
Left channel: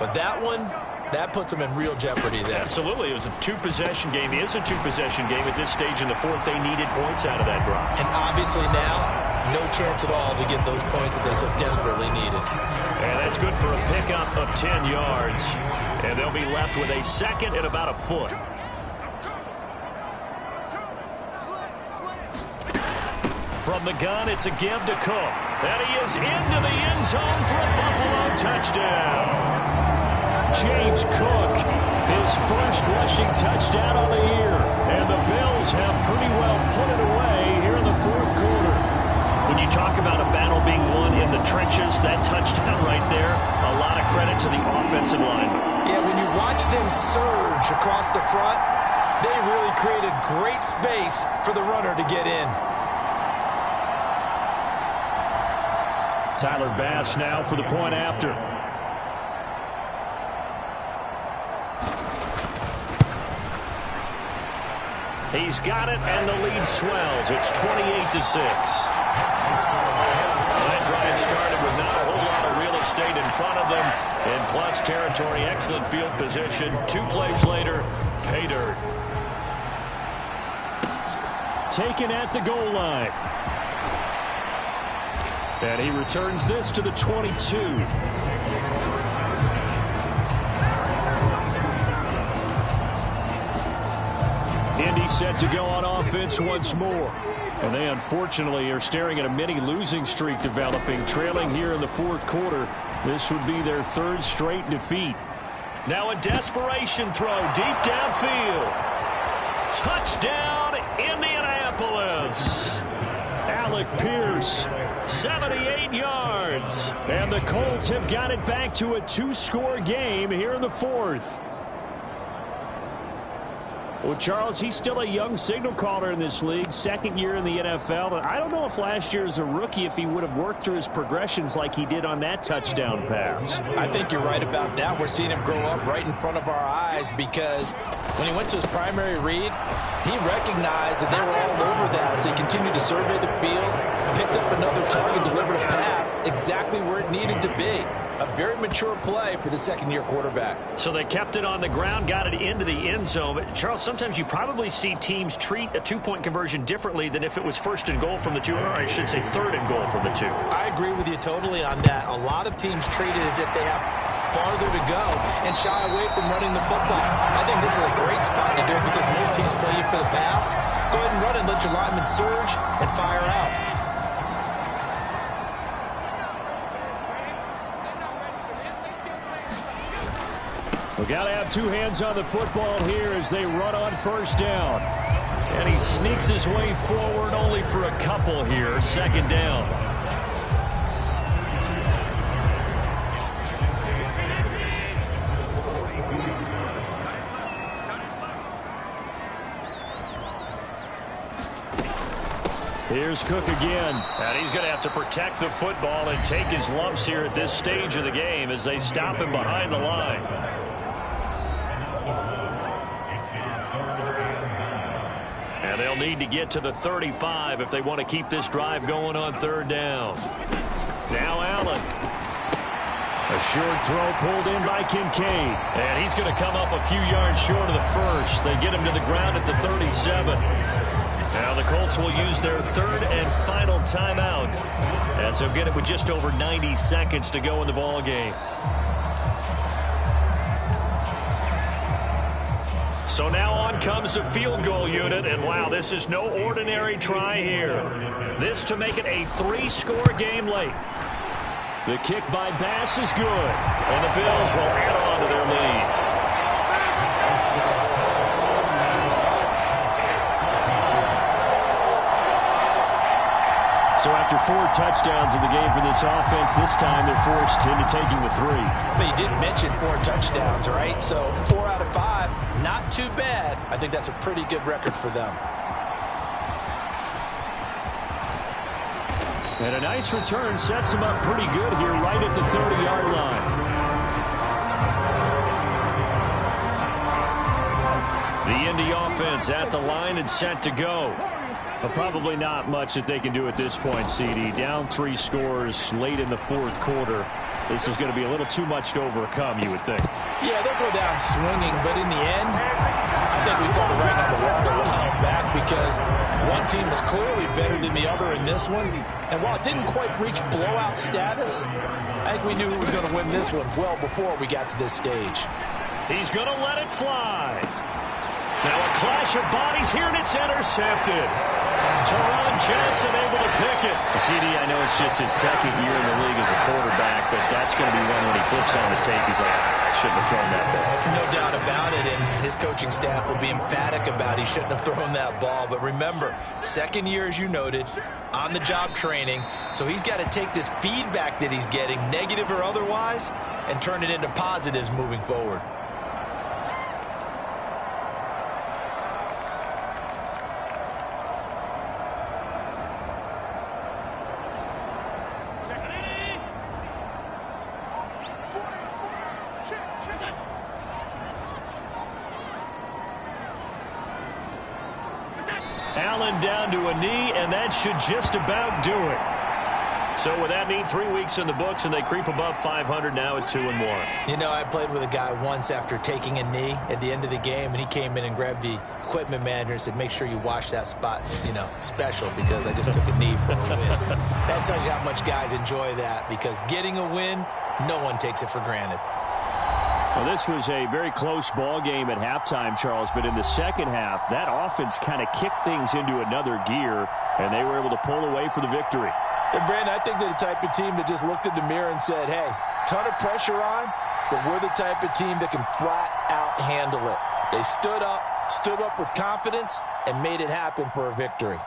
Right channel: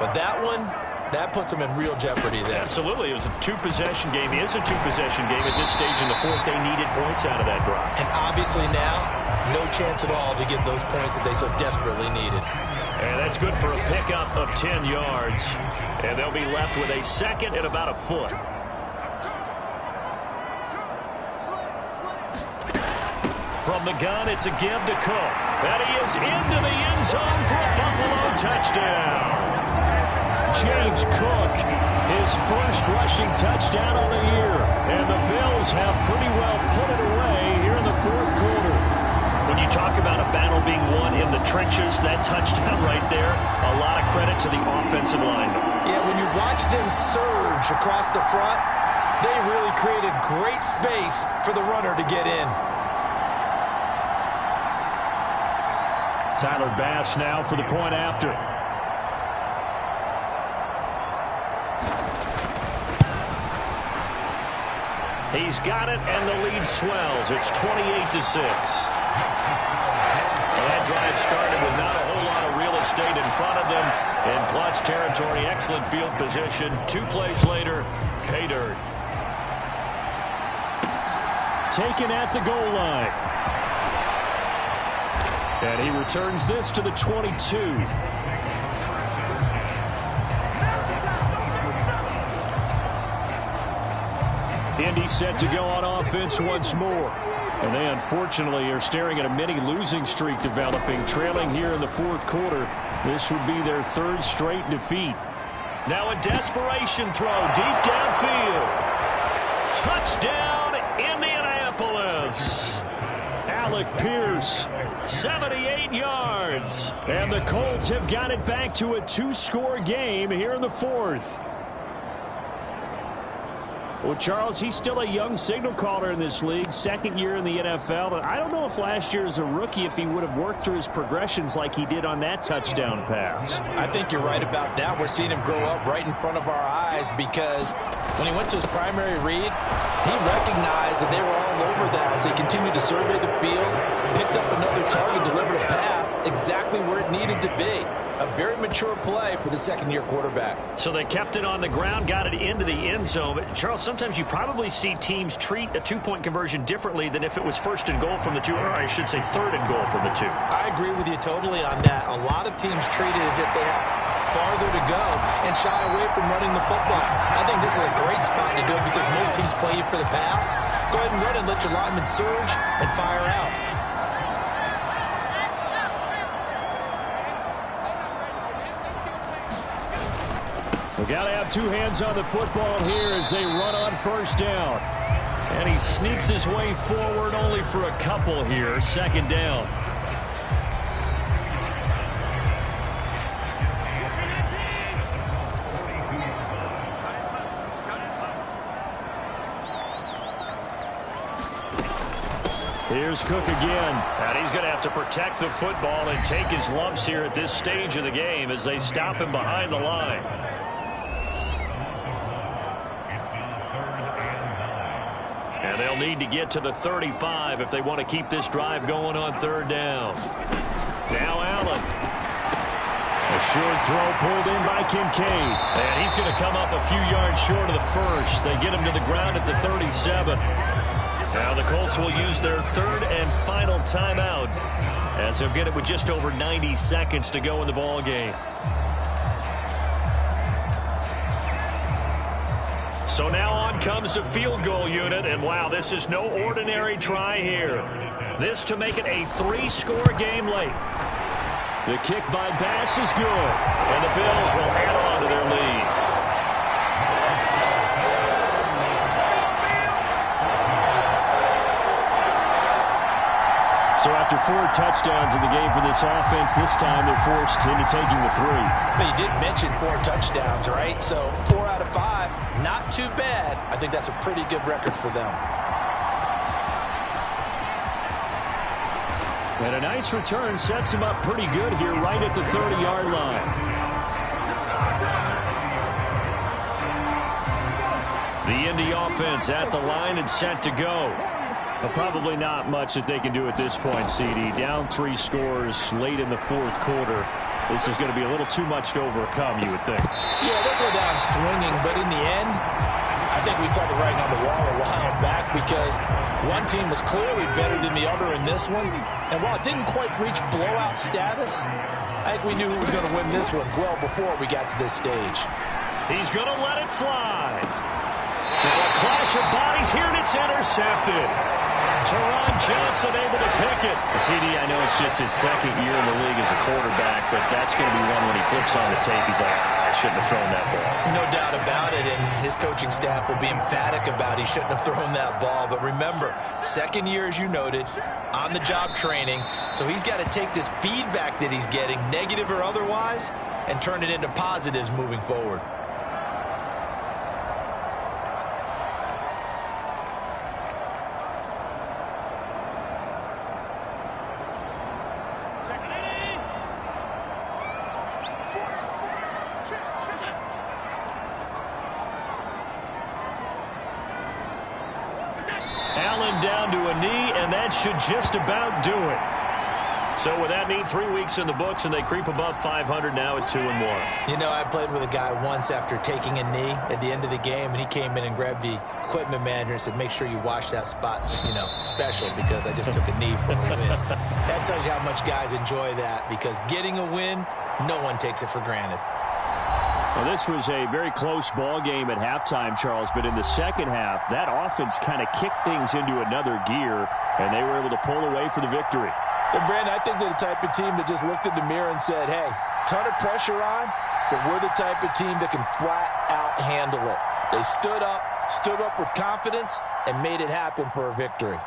But that one, that puts them in real jeopardy there. Absolutely. It was a two-possession game. It is a two-possession game at this stage in the fourth. They needed points out of that drive. And obviously now, no chance at all to get those points that they so desperately needed. And that's good for a pickup of 10 yards. And they'll be left with a second and about a foot. From the gun, it's a give to Cook. And he is into the end zone for a Buffalo touchdown. James Cook, his first rushing touchdown of the year. And the Bills have pretty well put it away here in the fourth quarter. When you talk about a battle being won in the trenches, that touchdown right there, a lot of credit to the offensive linemen. Yeah, when you watch them surge across the front, they really created great space for the runner to get in. Tyler Bass now for the point after. He's got it, and the lead swells. It's 28-6. Well, that drive started with not a whole lot of real estate in front of them. In plus territory, excellent field position. 2 plays later, pay dirt. Taken at the goal line. And he returns this to the 22. Indy set to go on offense once more. And they unfortunately are staring at a mini losing streak developing, trailing here in the fourth quarter. This would be their third straight defeat. Now a desperation throw deep downfield. Touchdown, Indianapolis. Alec Pierce. 78 yards. And the Colts have got it back to a 2-score game here in the fourth. Well, Charles, he's still a young signal caller in this league, second year in the NFL. But I don't know if last year as a rookie, if he would have worked through his progressions like he did on that touchdown pass. I think you're right about that. We're seeing him grow up right in front of our eyes because when he went to his primary read, he recognized that they were all over that as he continued to survey the field, picked up another target, delivered a pass exactly where it needed to be. A very mature play for the second-year quarterback. So they kept it on the ground, got it into the end zone. But Charles, sometimes you probably see teams treat a two-point conversion differently than if it was first and goal from the 2, or I should say third and goal from the 2. I agree with you totally on that. A lot of teams treat it as if they have farther to go and shy away from running the football. I think this is a great spot to do it because most teams play you for the pass. Go ahead and run and let your linemen surge and fire out. We got to have two hands on the football here as they run on first down. And he sneaks his way forward only for a couple here. Second down. Here's Cook again. And he's going to have to protect the football and take his lumps here at this stage of the game as they stop him behind the line. And they'll need to get to the 35 if they want to keep this drive going on third down. Now Allen. A short throw pulled in by Kincaid. And he's going to come up a few yards short of the first. They get him to the ground at the 37. Now the Colts will use their third and final timeout as they'll get it with just over 90 seconds to go in the ball game. So now on comes the field goal unit, and wow, this is no ordinary try here. This to make it a 3-score game late. The kick by Bass is good. And the Bills will add on to their lead. So after 4 touchdowns in the game for this offense, this time they're forced into taking the 3. But you did mention 4 touchdowns, right? So 4 out of 5, not too bad. I think that's a pretty good record for them. And a nice return sets him up pretty good here right at the 30-yard line. The Indy offense at the line and set to go. Well, probably not much that they can do at this point, CD. Down 3 scores late in the fourth quarter. This is going to be a little too much to overcome, you would think. Yeah, they'll go down swinging, but in the end, I think we saw the writing on the wall a while back because one team was clearly better than the other in this one. And while it didn't quite reach blowout status, I think we knew who was going to win this one well before we got to this stage. He's going to let it fly. Now a clash of bodies here, and it's intercepted. Teron Johnson able to pick it. CD, I know it's just his second year in the league as a quarterback, but that's going to be one when he flips on the tape. He's like, I shouldn't have thrown that ball. No doubt about it, and his coaching staff will be emphatic about he shouldn't have thrown that ball. But remember, second year, as you noted, on-the-job training, so he's got to take this feedback that he's getting, negative or otherwise, and turn it into positives moving forward. Allen down to a knee, and that should just about do it. So with that knee, 3 weeks in the books, and they creep above 500 now at 2-1. You know, I played with a guy once after taking a knee at the end of the game, and he came in and grabbed the equipment manager and said, make sure you wash that spot, special, because I just took a knee for a win. That tells you how much guys enjoy that, because getting a win, no one takes it for granted. Well, this was a very close ball game at halftime, Charles, but in the second half, that offense kind of kicked things into another gear, and they were able to pull away for the victory. And, Brandon, I think they're the type of team that just looked in the mirror and said, hey, ton of pressure on, but we're the type of team that can flat out handle it. They stood up with confidence, and made it happen for a victory.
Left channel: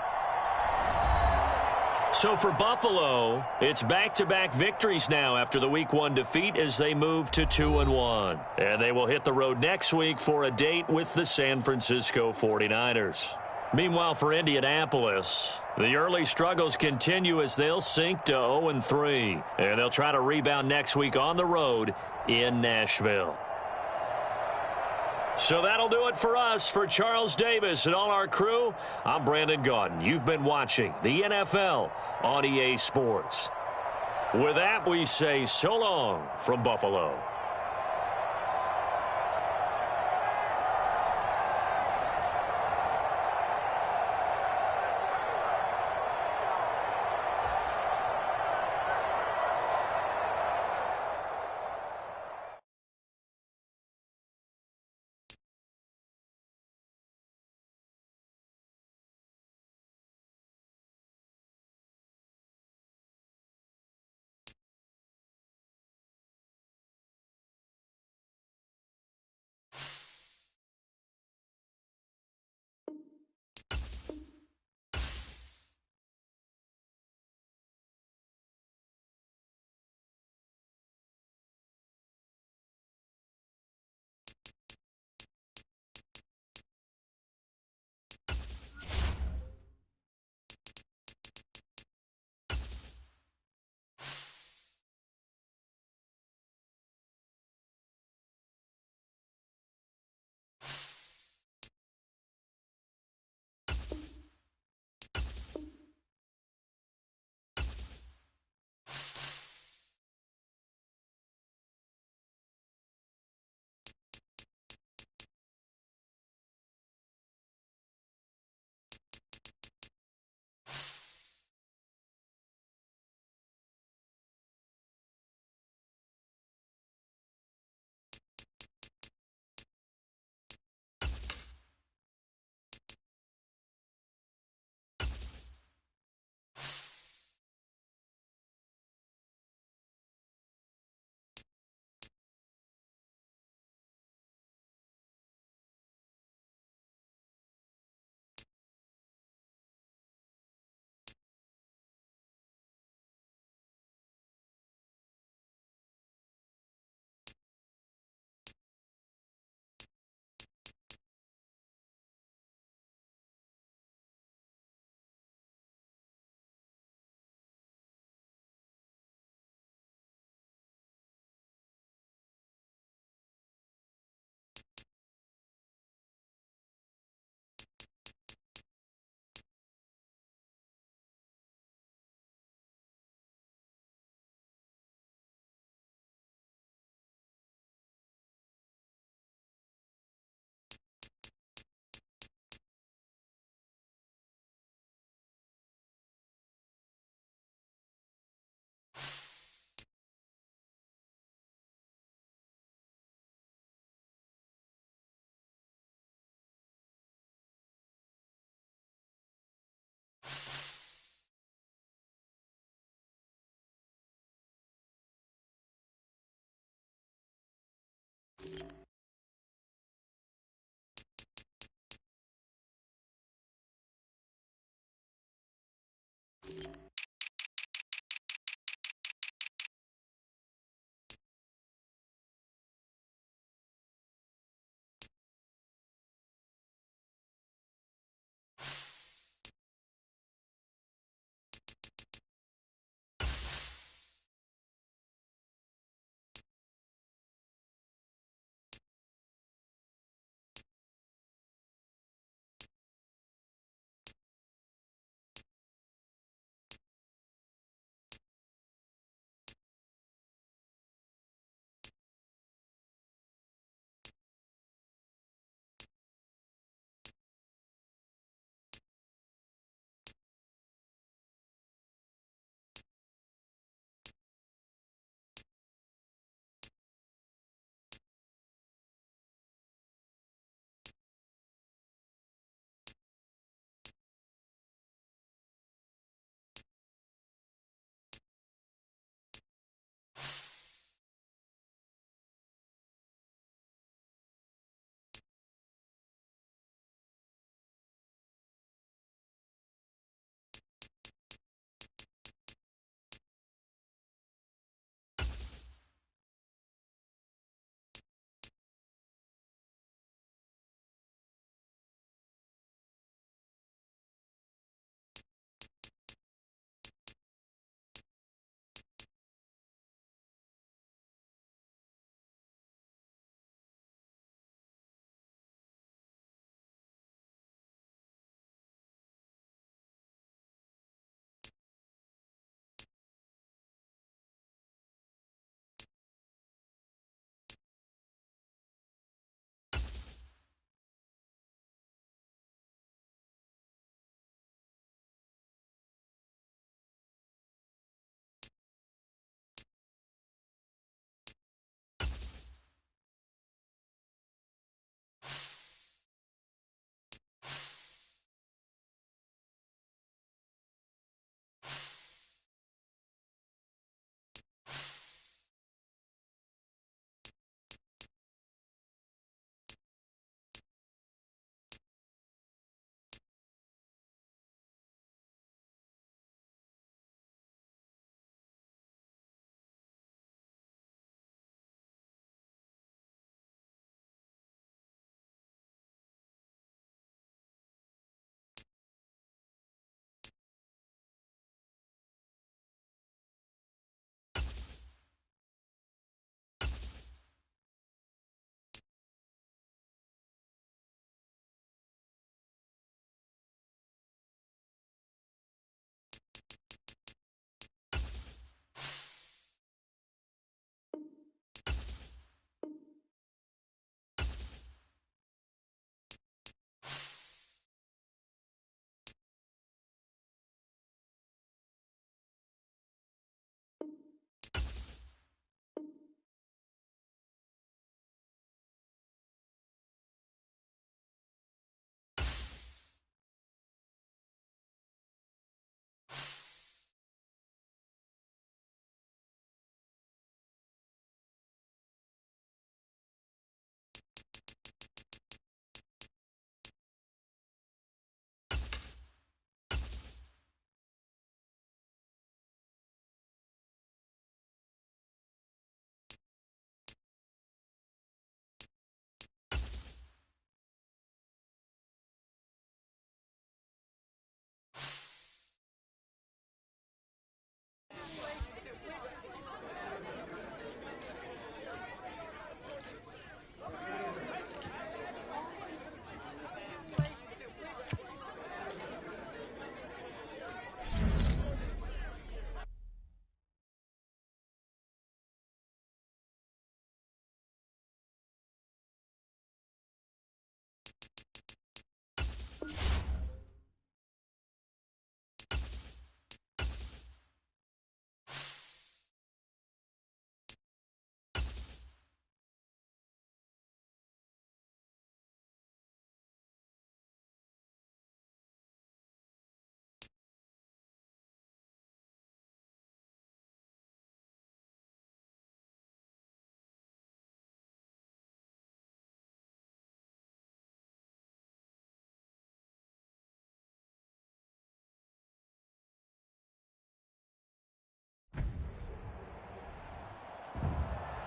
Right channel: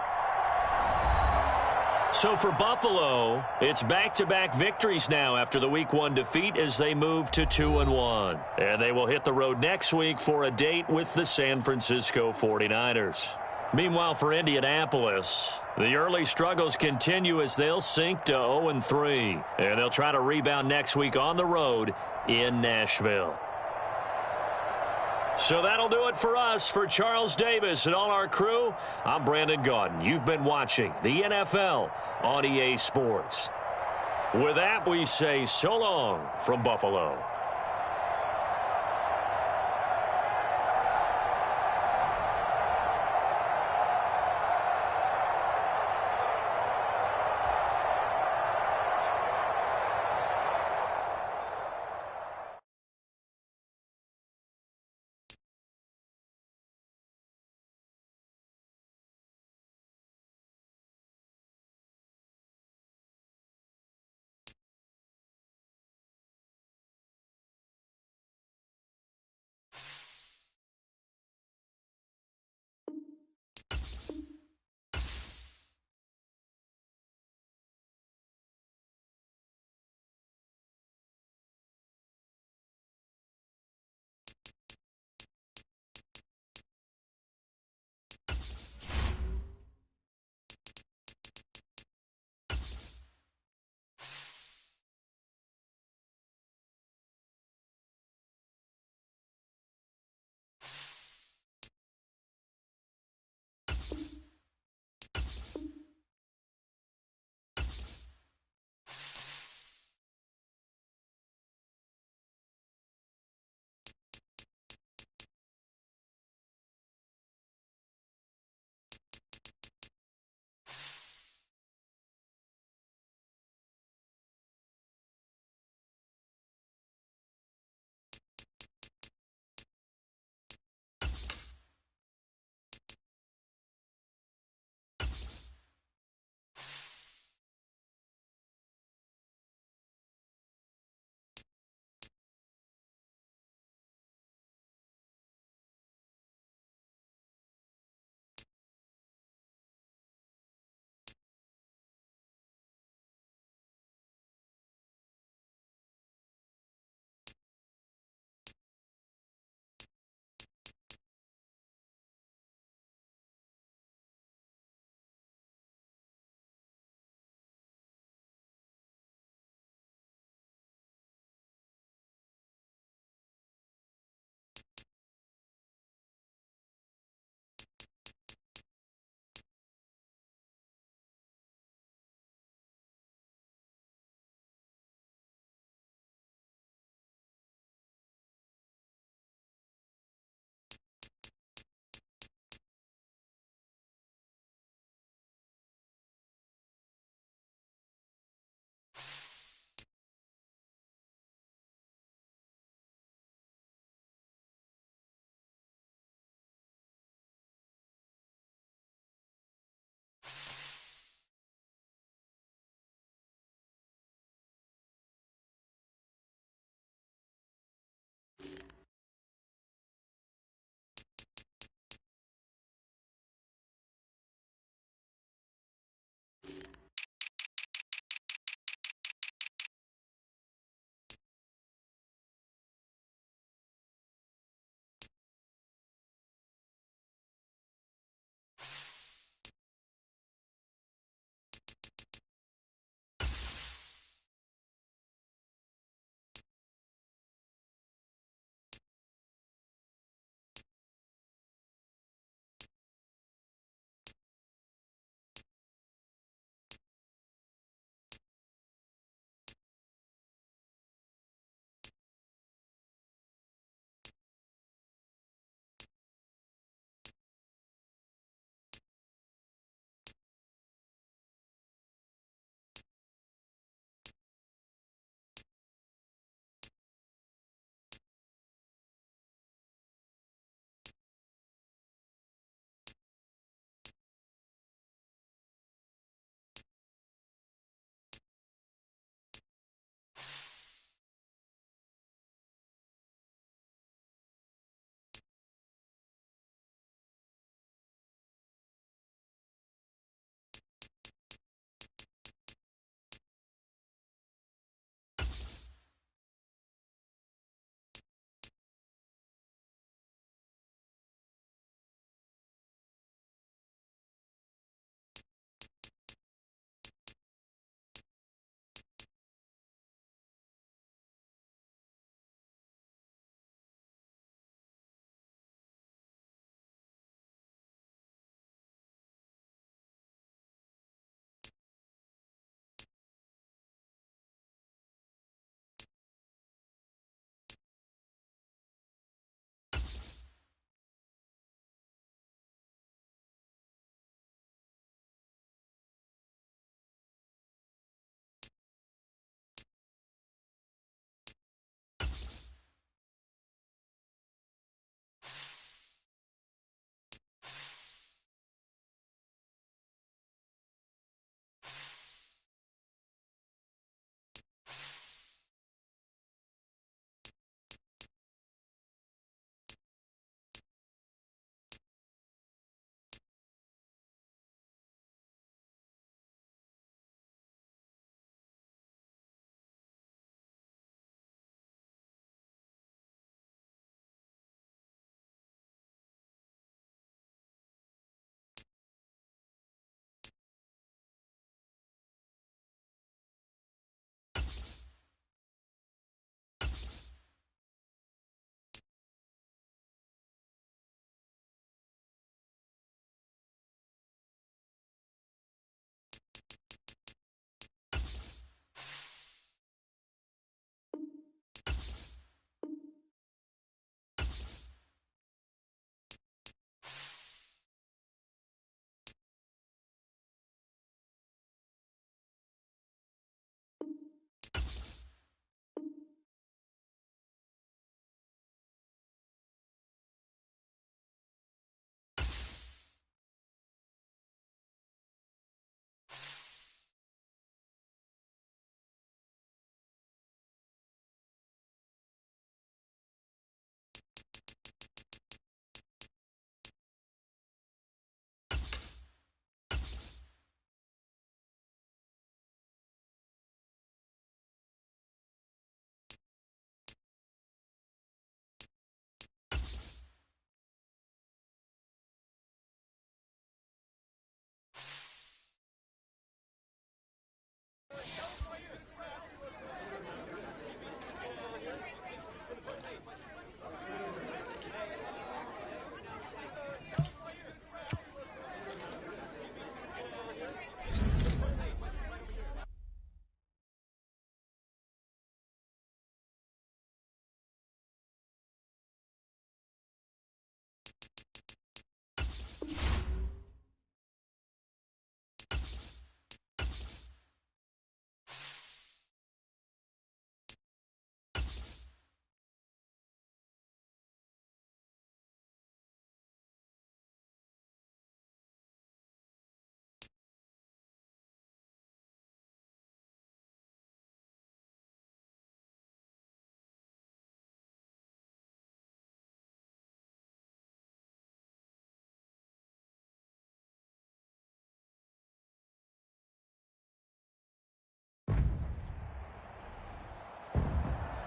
So for Buffalo, it's back-to-back victories now after the Week 1 defeat as they move to 2-1. And they will hit the road next week for a date with the San Francisco 49ers. Meanwhile, for Indianapolis, the early struggles continue as they'll sink to 0-3. And they'll try to rebound next week on the road in Nashville. So that'll do it for us. For Charles Davis and all our crew, I'm Brandon Gaudin. You've been watching the NFL on EA Sports. With that, we say so long from Buffalo.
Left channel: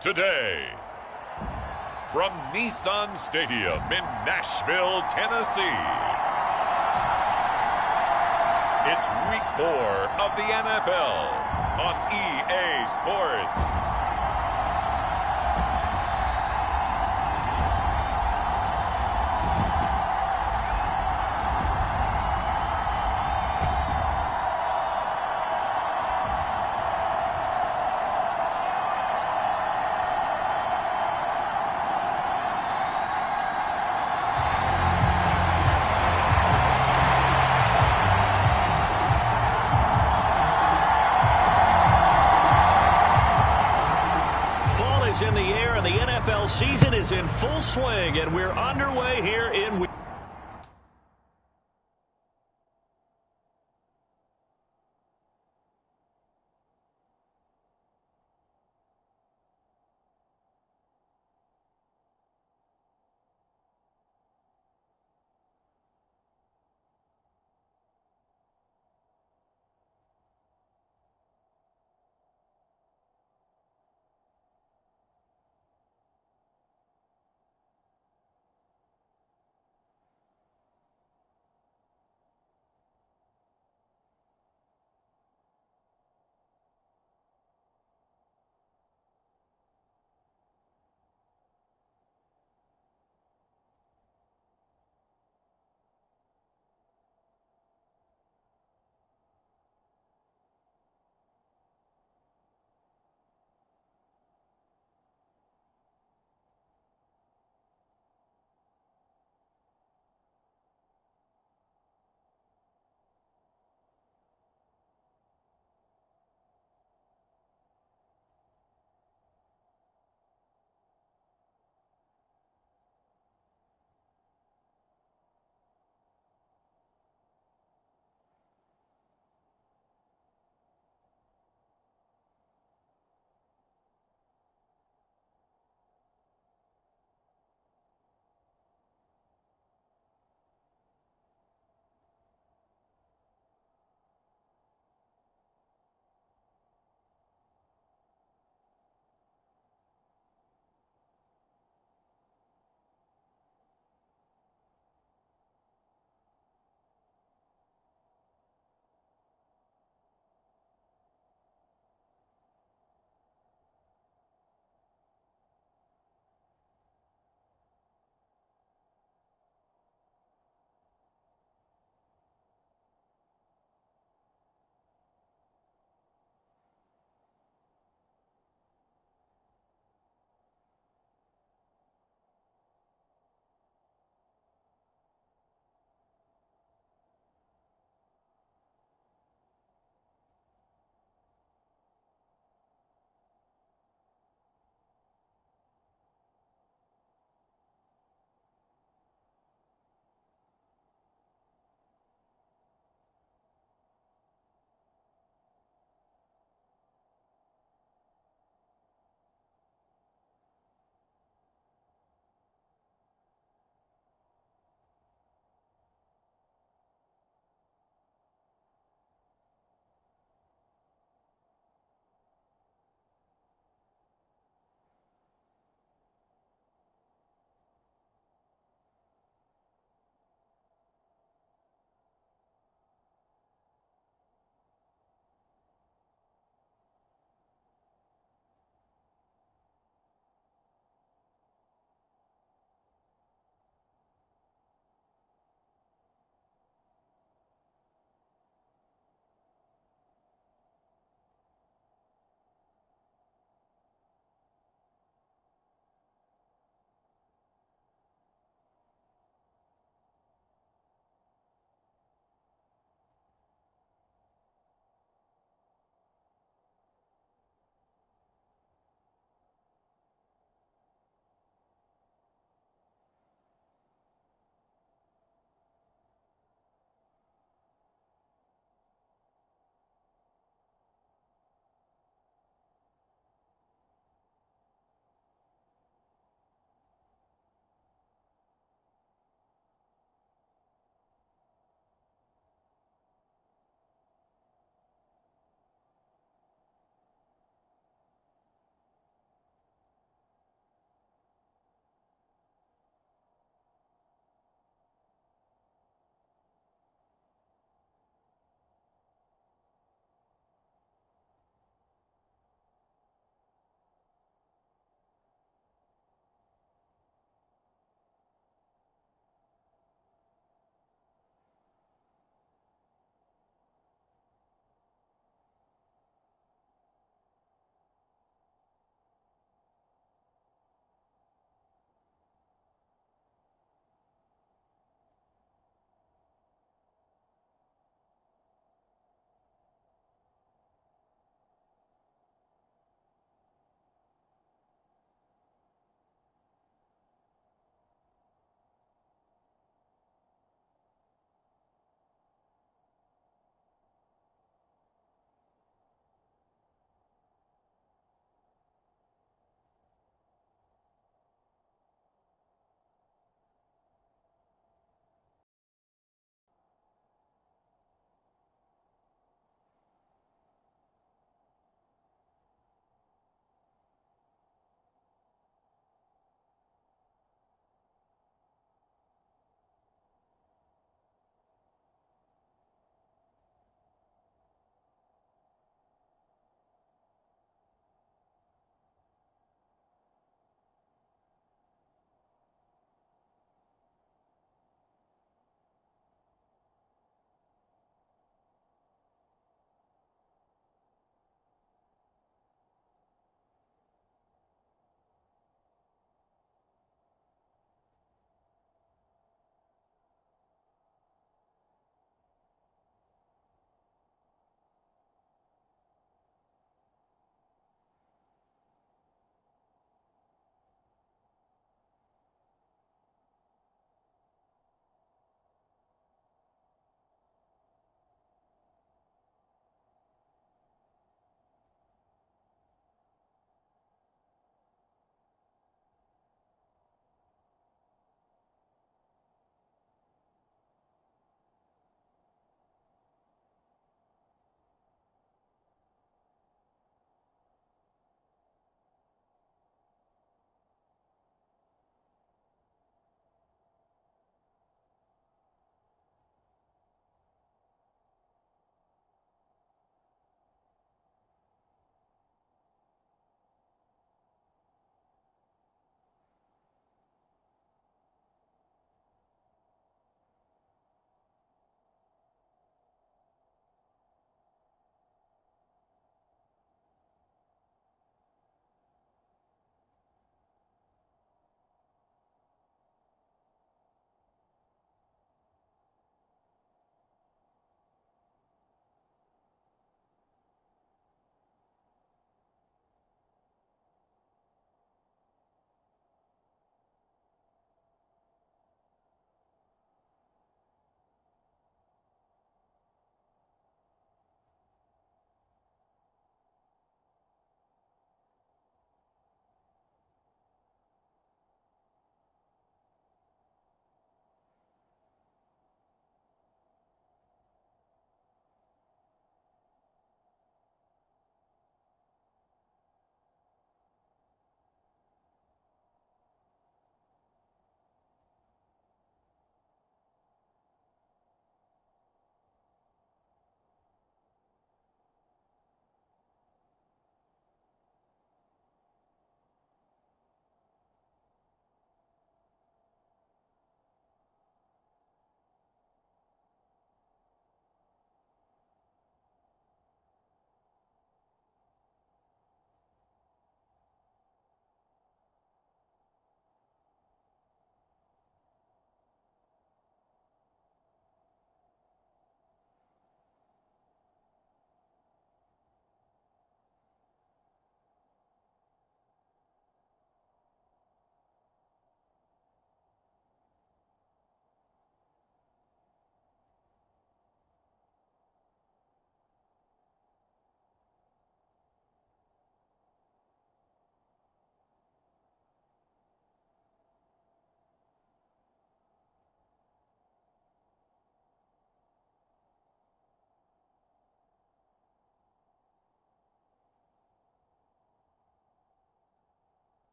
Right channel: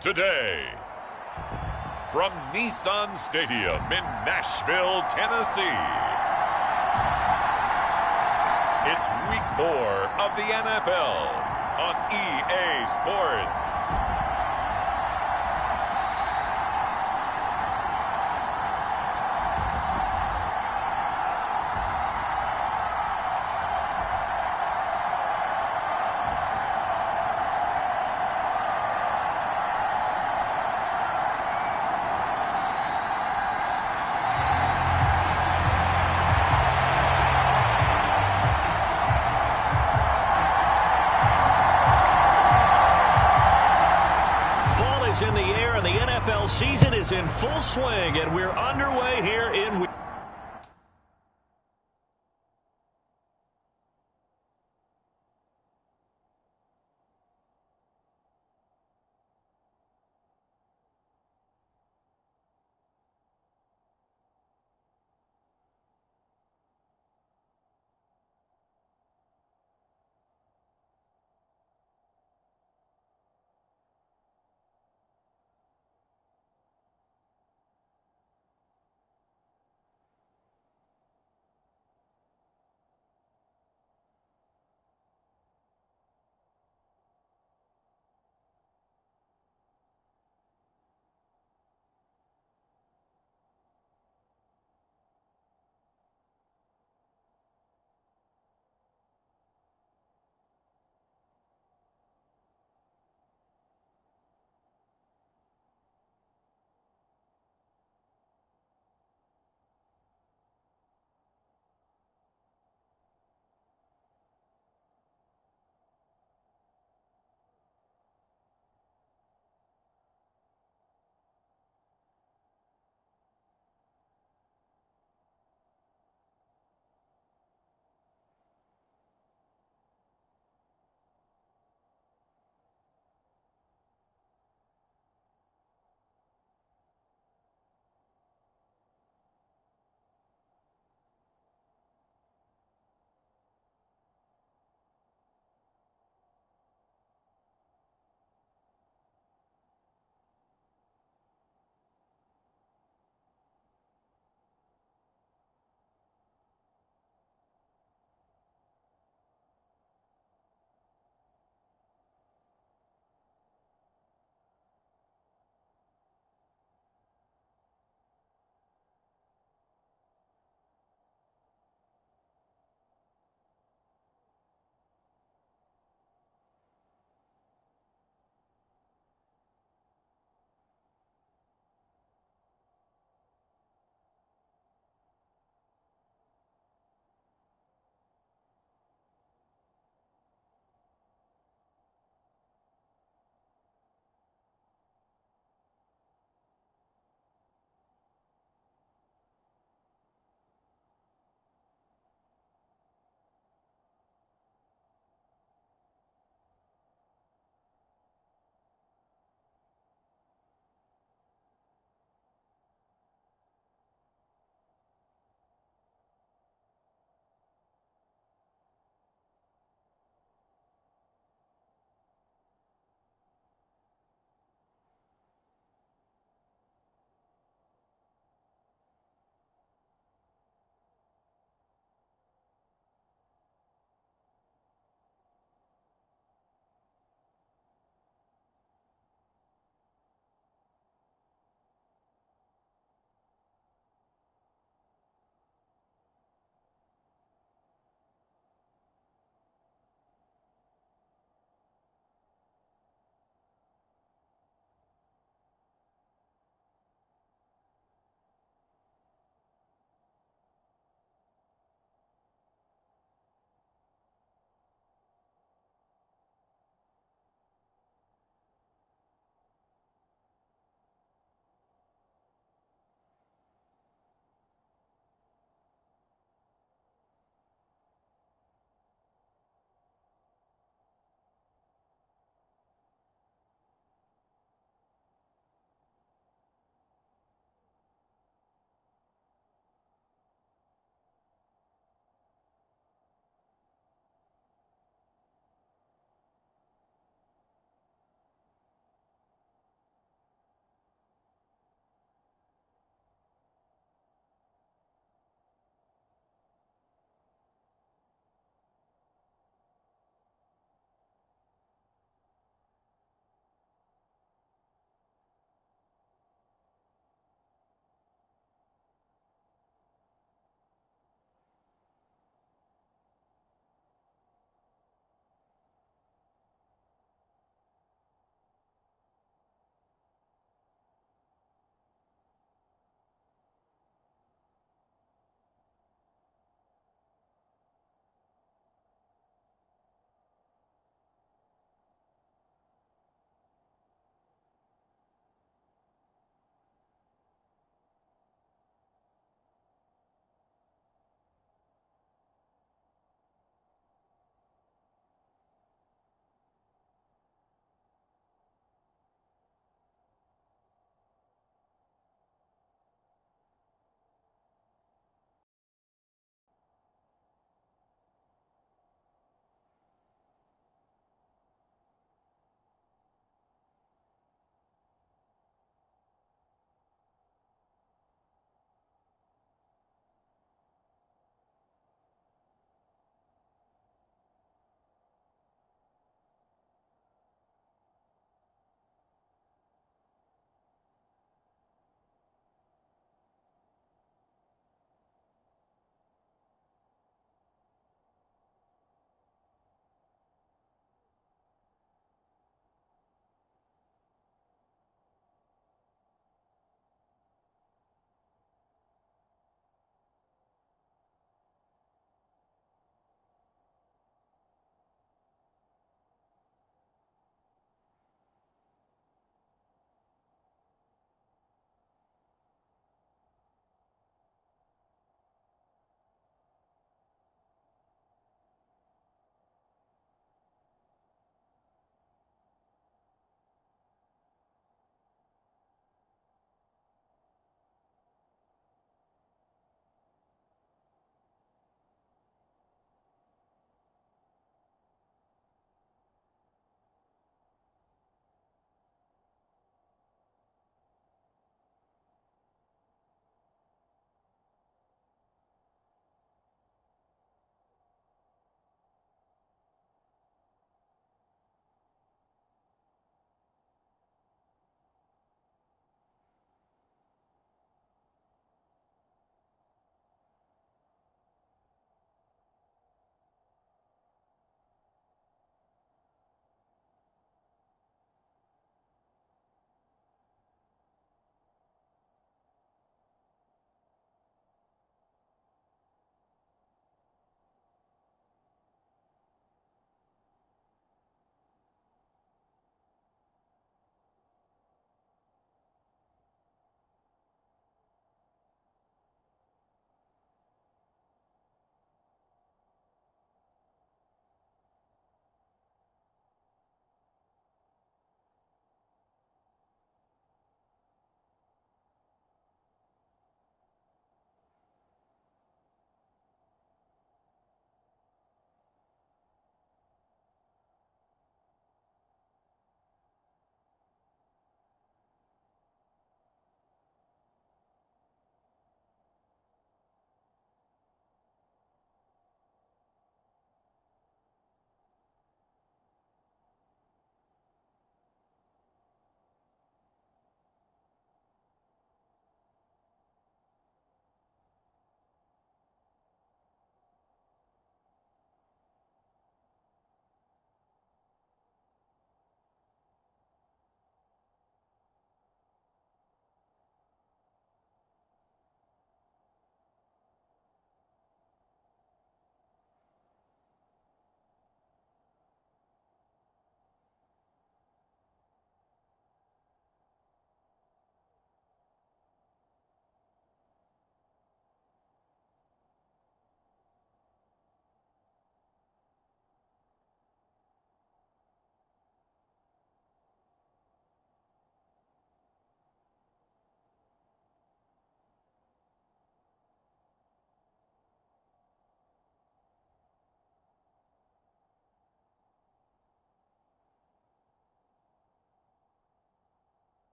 today. From Nissan Stadium in Nashville, Tennessee, it's Week 4 of the NFL on EA Sports. In the air, and the NFL season is in full swing, and we're underway here in week.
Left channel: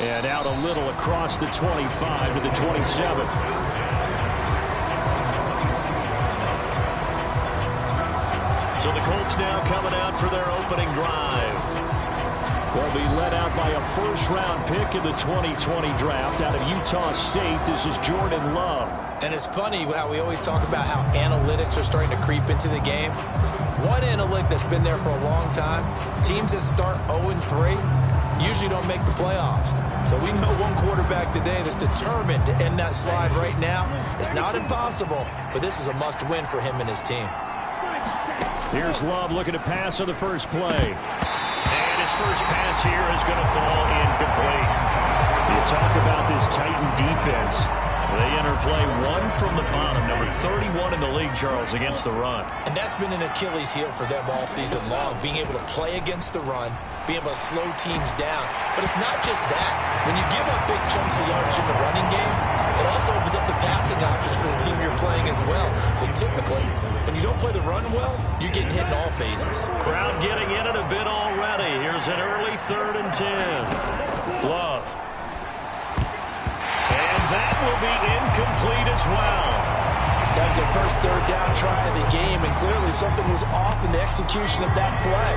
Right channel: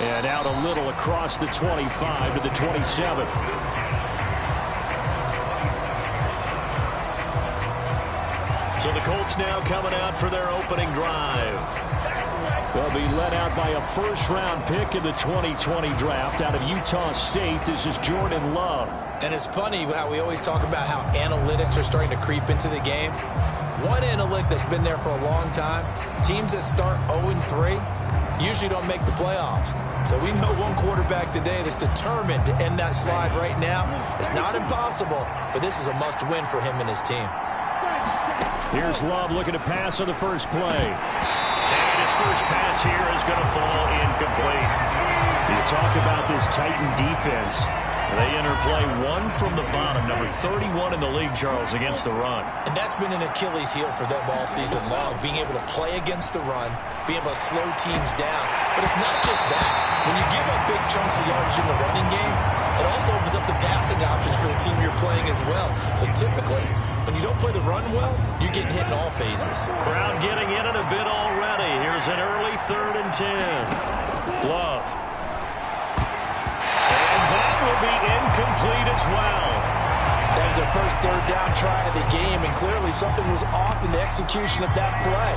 And out a little across the 25 to the 27. So the Colts now coming out for their opening drive. They'll be led out by a first-round pick in the 2020 draft out of Utah State. This is Jordan Love. And it's funny how we always talk about how analytics are starting to creep into the game. One analytic that's been there for a long time, teams that start 0-3 usually don't make the playoffs. So we know one quarterback today that's determined to end that slide right now. It's not impossible, but this is a must-win for him and his team. Here's Love looking to pass on the first play. And his first pass here is going to fall incomplete. You talk about this Titan defense. They enter play one from the bottom, number 31 in the league, Charles, against the run. And that's been an Achilles heel for them all season long, being able to play against the run, being able to slow teams down. But it's not just that. When you give up big chunks of yardage in the running game, it also opens up the passing options for the team you're playing as well. So typically, when you don't play the run well, you're getting hit in all phases. Crowd getting in it a bit already. Here's an early 3rd and 10. Love. And that will be incomplete as well. That is their first 3rd down try of the game, and clearly something was off in the execution of that play.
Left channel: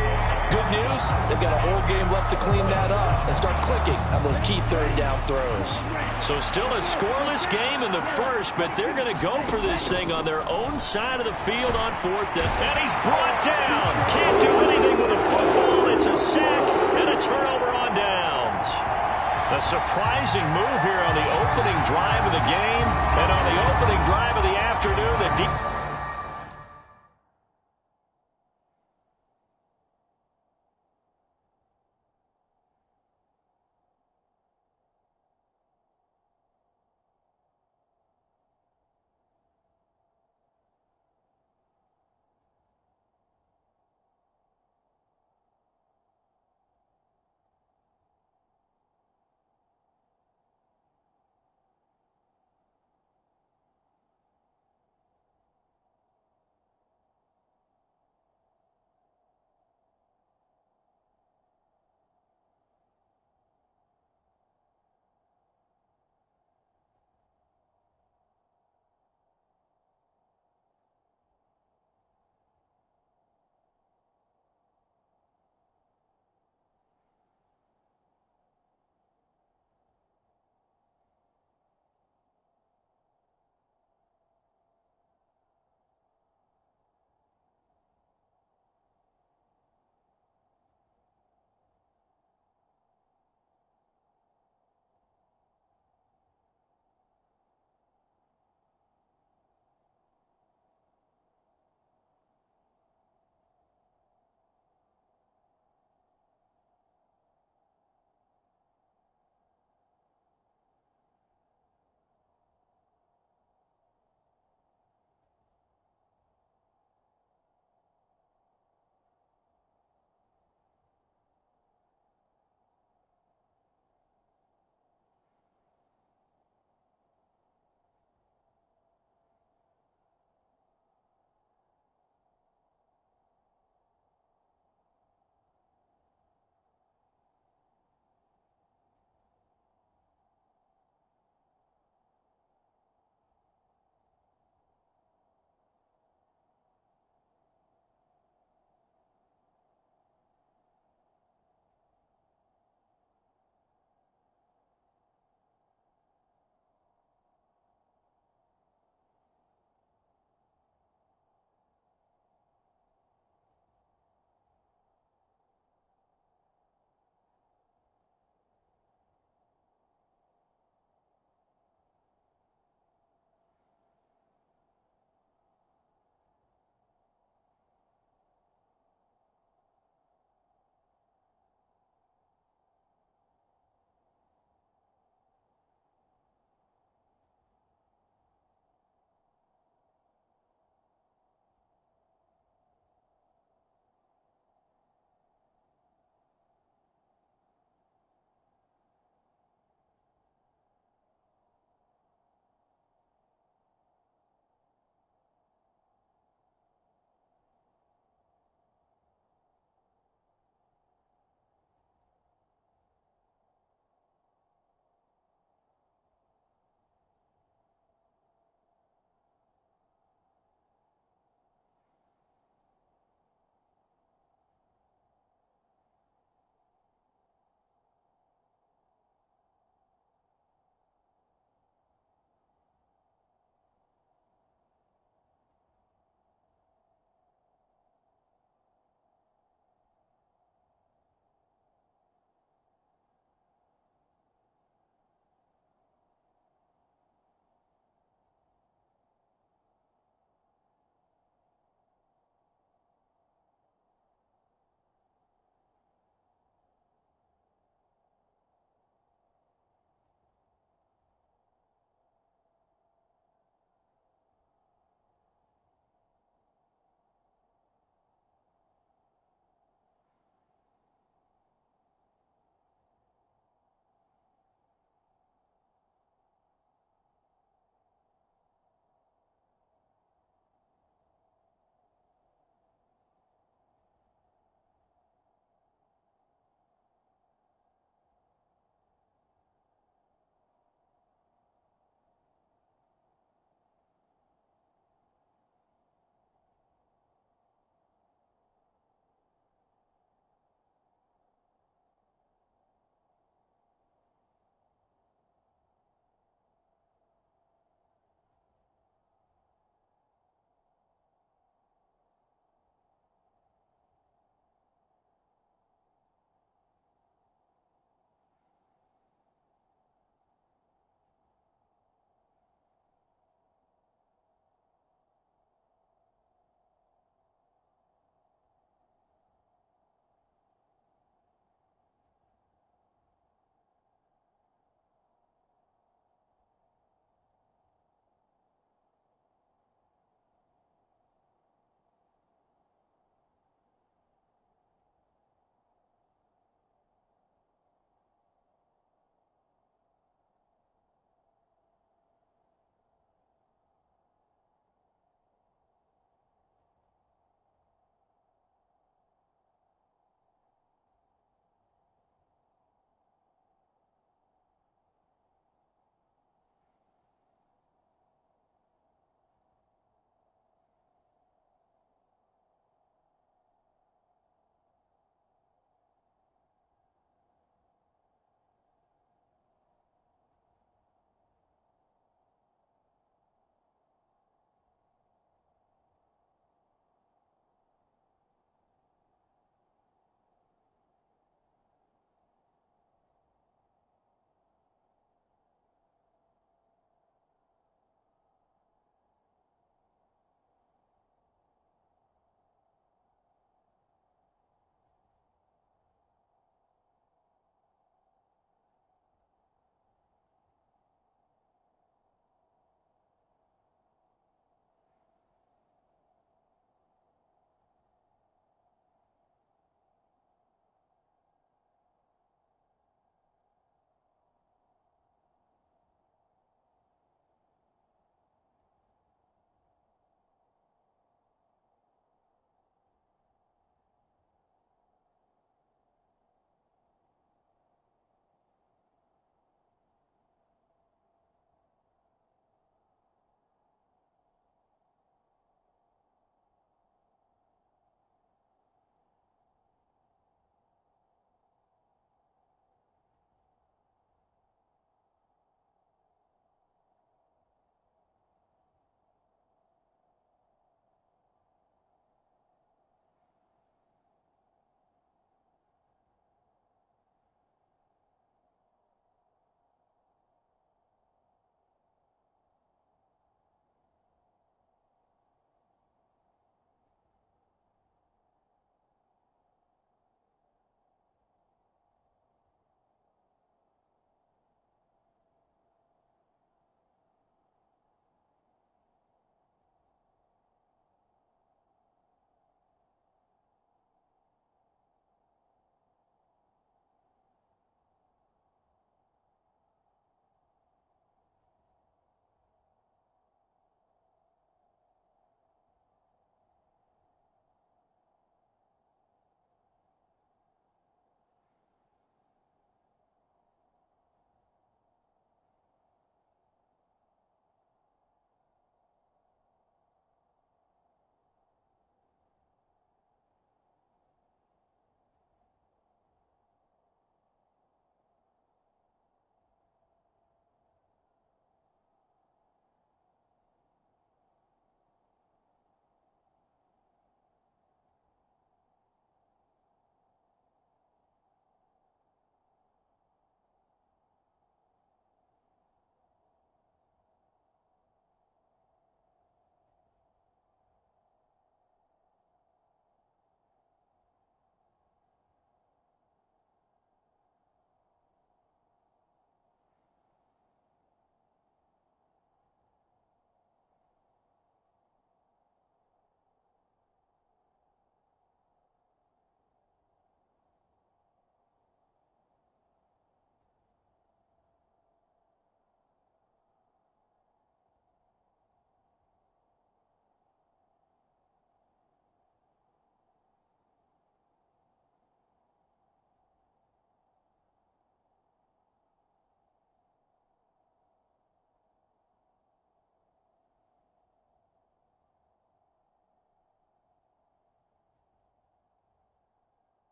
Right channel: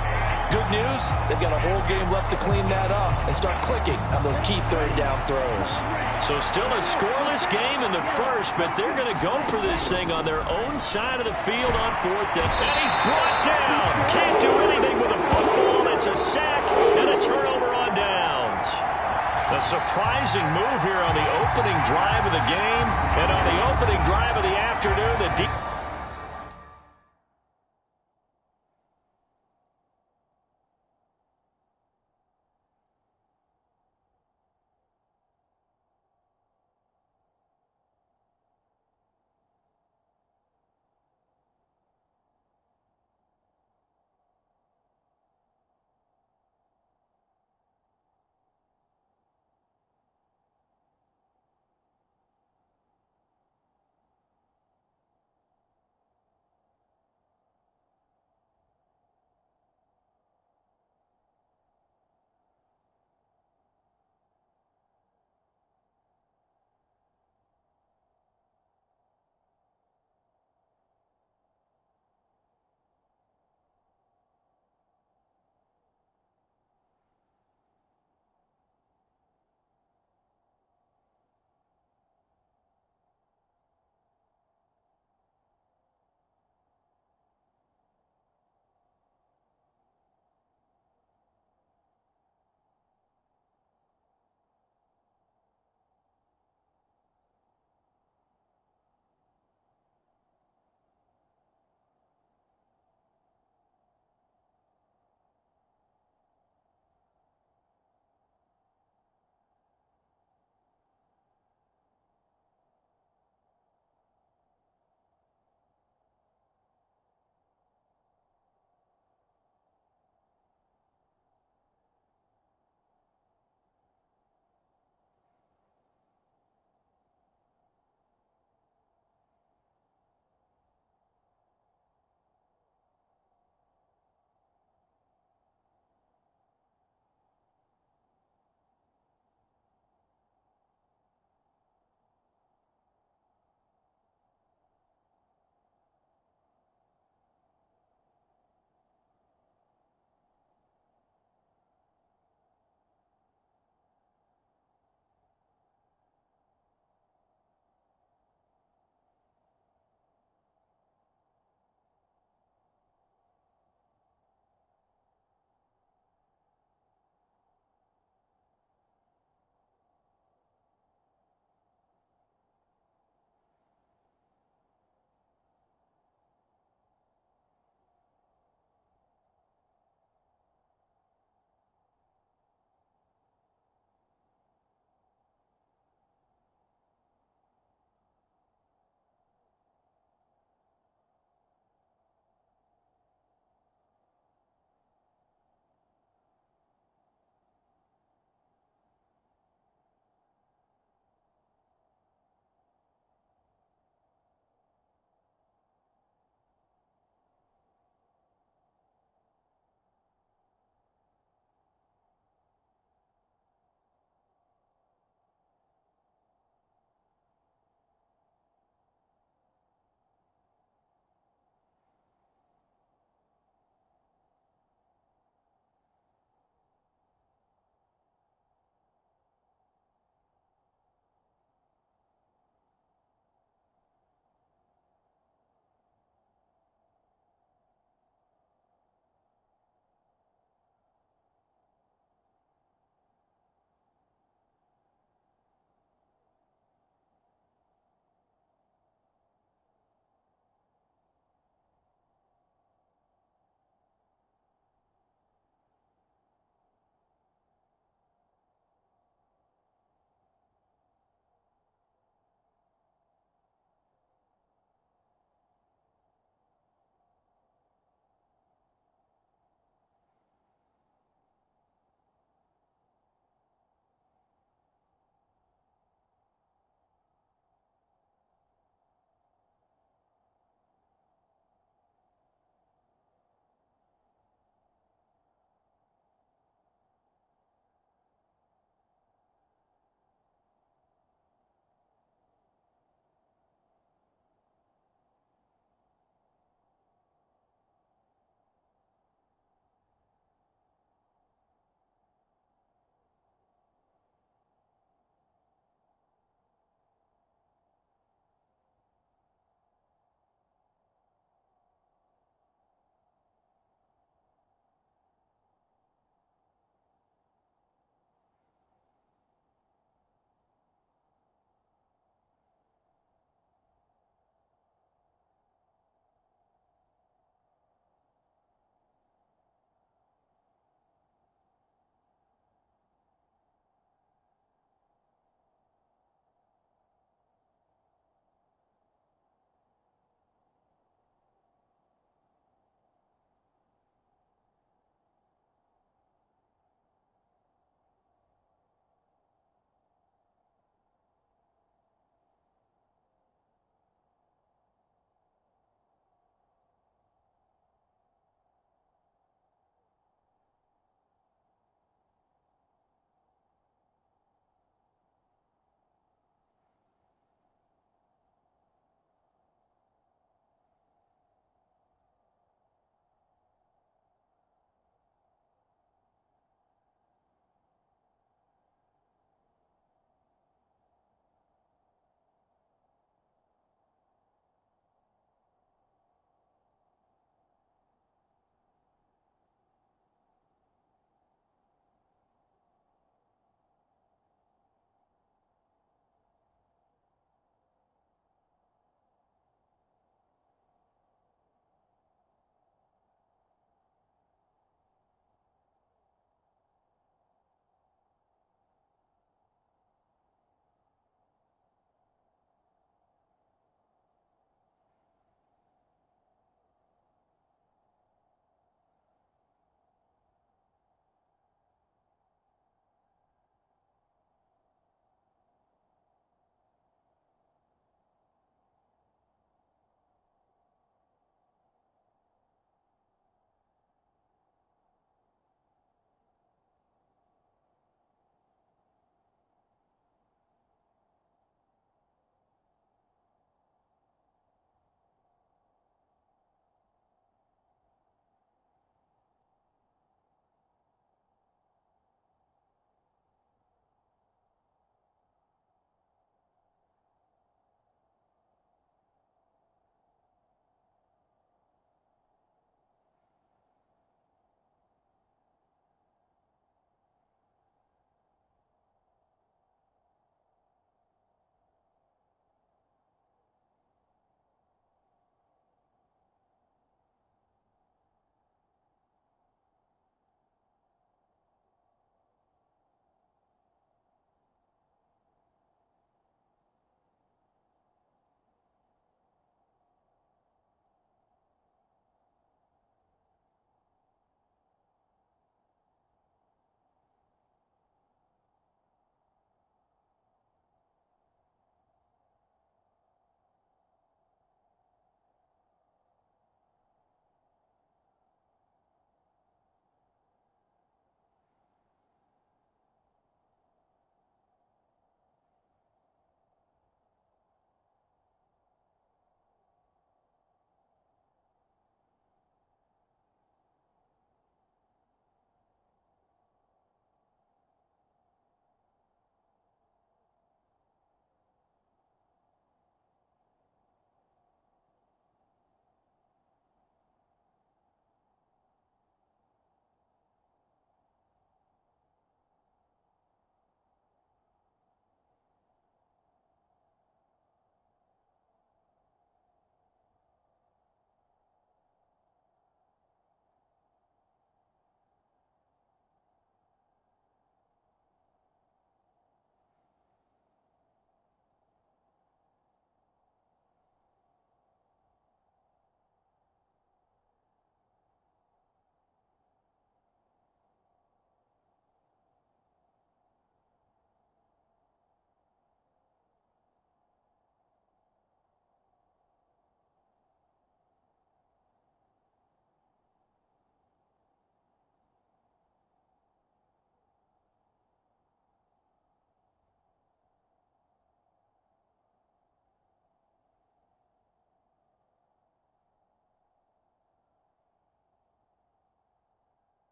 Good news, they've got a whole game left to clean that up and start clicking on those key 3rd down throws. So still a scoreless game in the first, but they're going to go for this thing on their own side of the field on 4th down. And he's brought down. Can't do anything with a football. It's a sack and a turnover on downs. A surprising move here on the opening drive of the game, and on the opening drive of the afternoon, the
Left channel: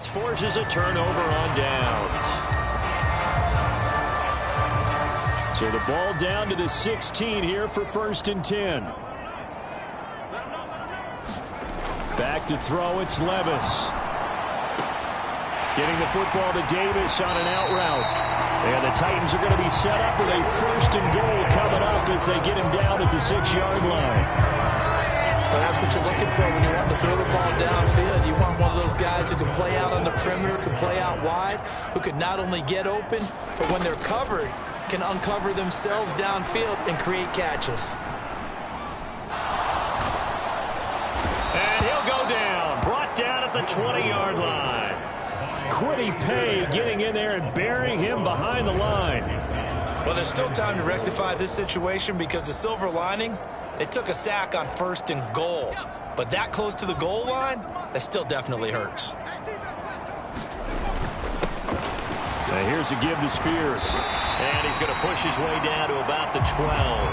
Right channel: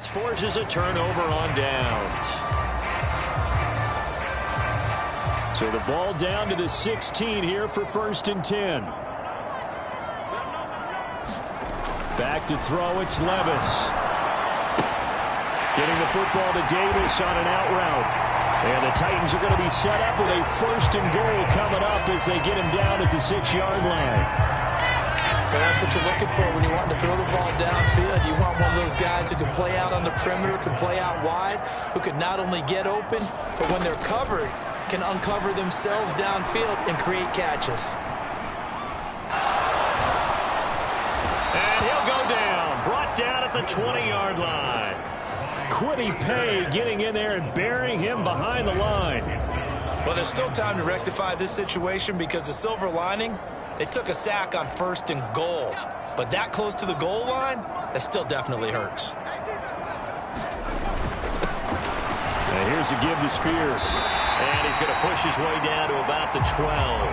blitz forces a turnover on downs. So the ball down to the 16 here for 1st and 10. Back to throw, it's Levis. Getting the football to Davis on an out route. And the Titans are going to be set up with a 1st and goal coming up as they get him down at the 6-yard line. Well, that's what you're looking for when you want to throw the ball downfield. You want one of those guys who can play out on the perimeter, can play out wide, who can not only get open, but when they're covered, can uncover themselves downfield and create catches. And he'll go down, brought down at the 20-yard line. Quiddy Pay getting in there and burying him behind the line. Well, there's still time to rectify this situation because the silver lining, they took a sack on 1st and goal. But that close to the goal line, that still definitely hurts. Now here's a give to Spears. And he's going to push his way down to about the 12.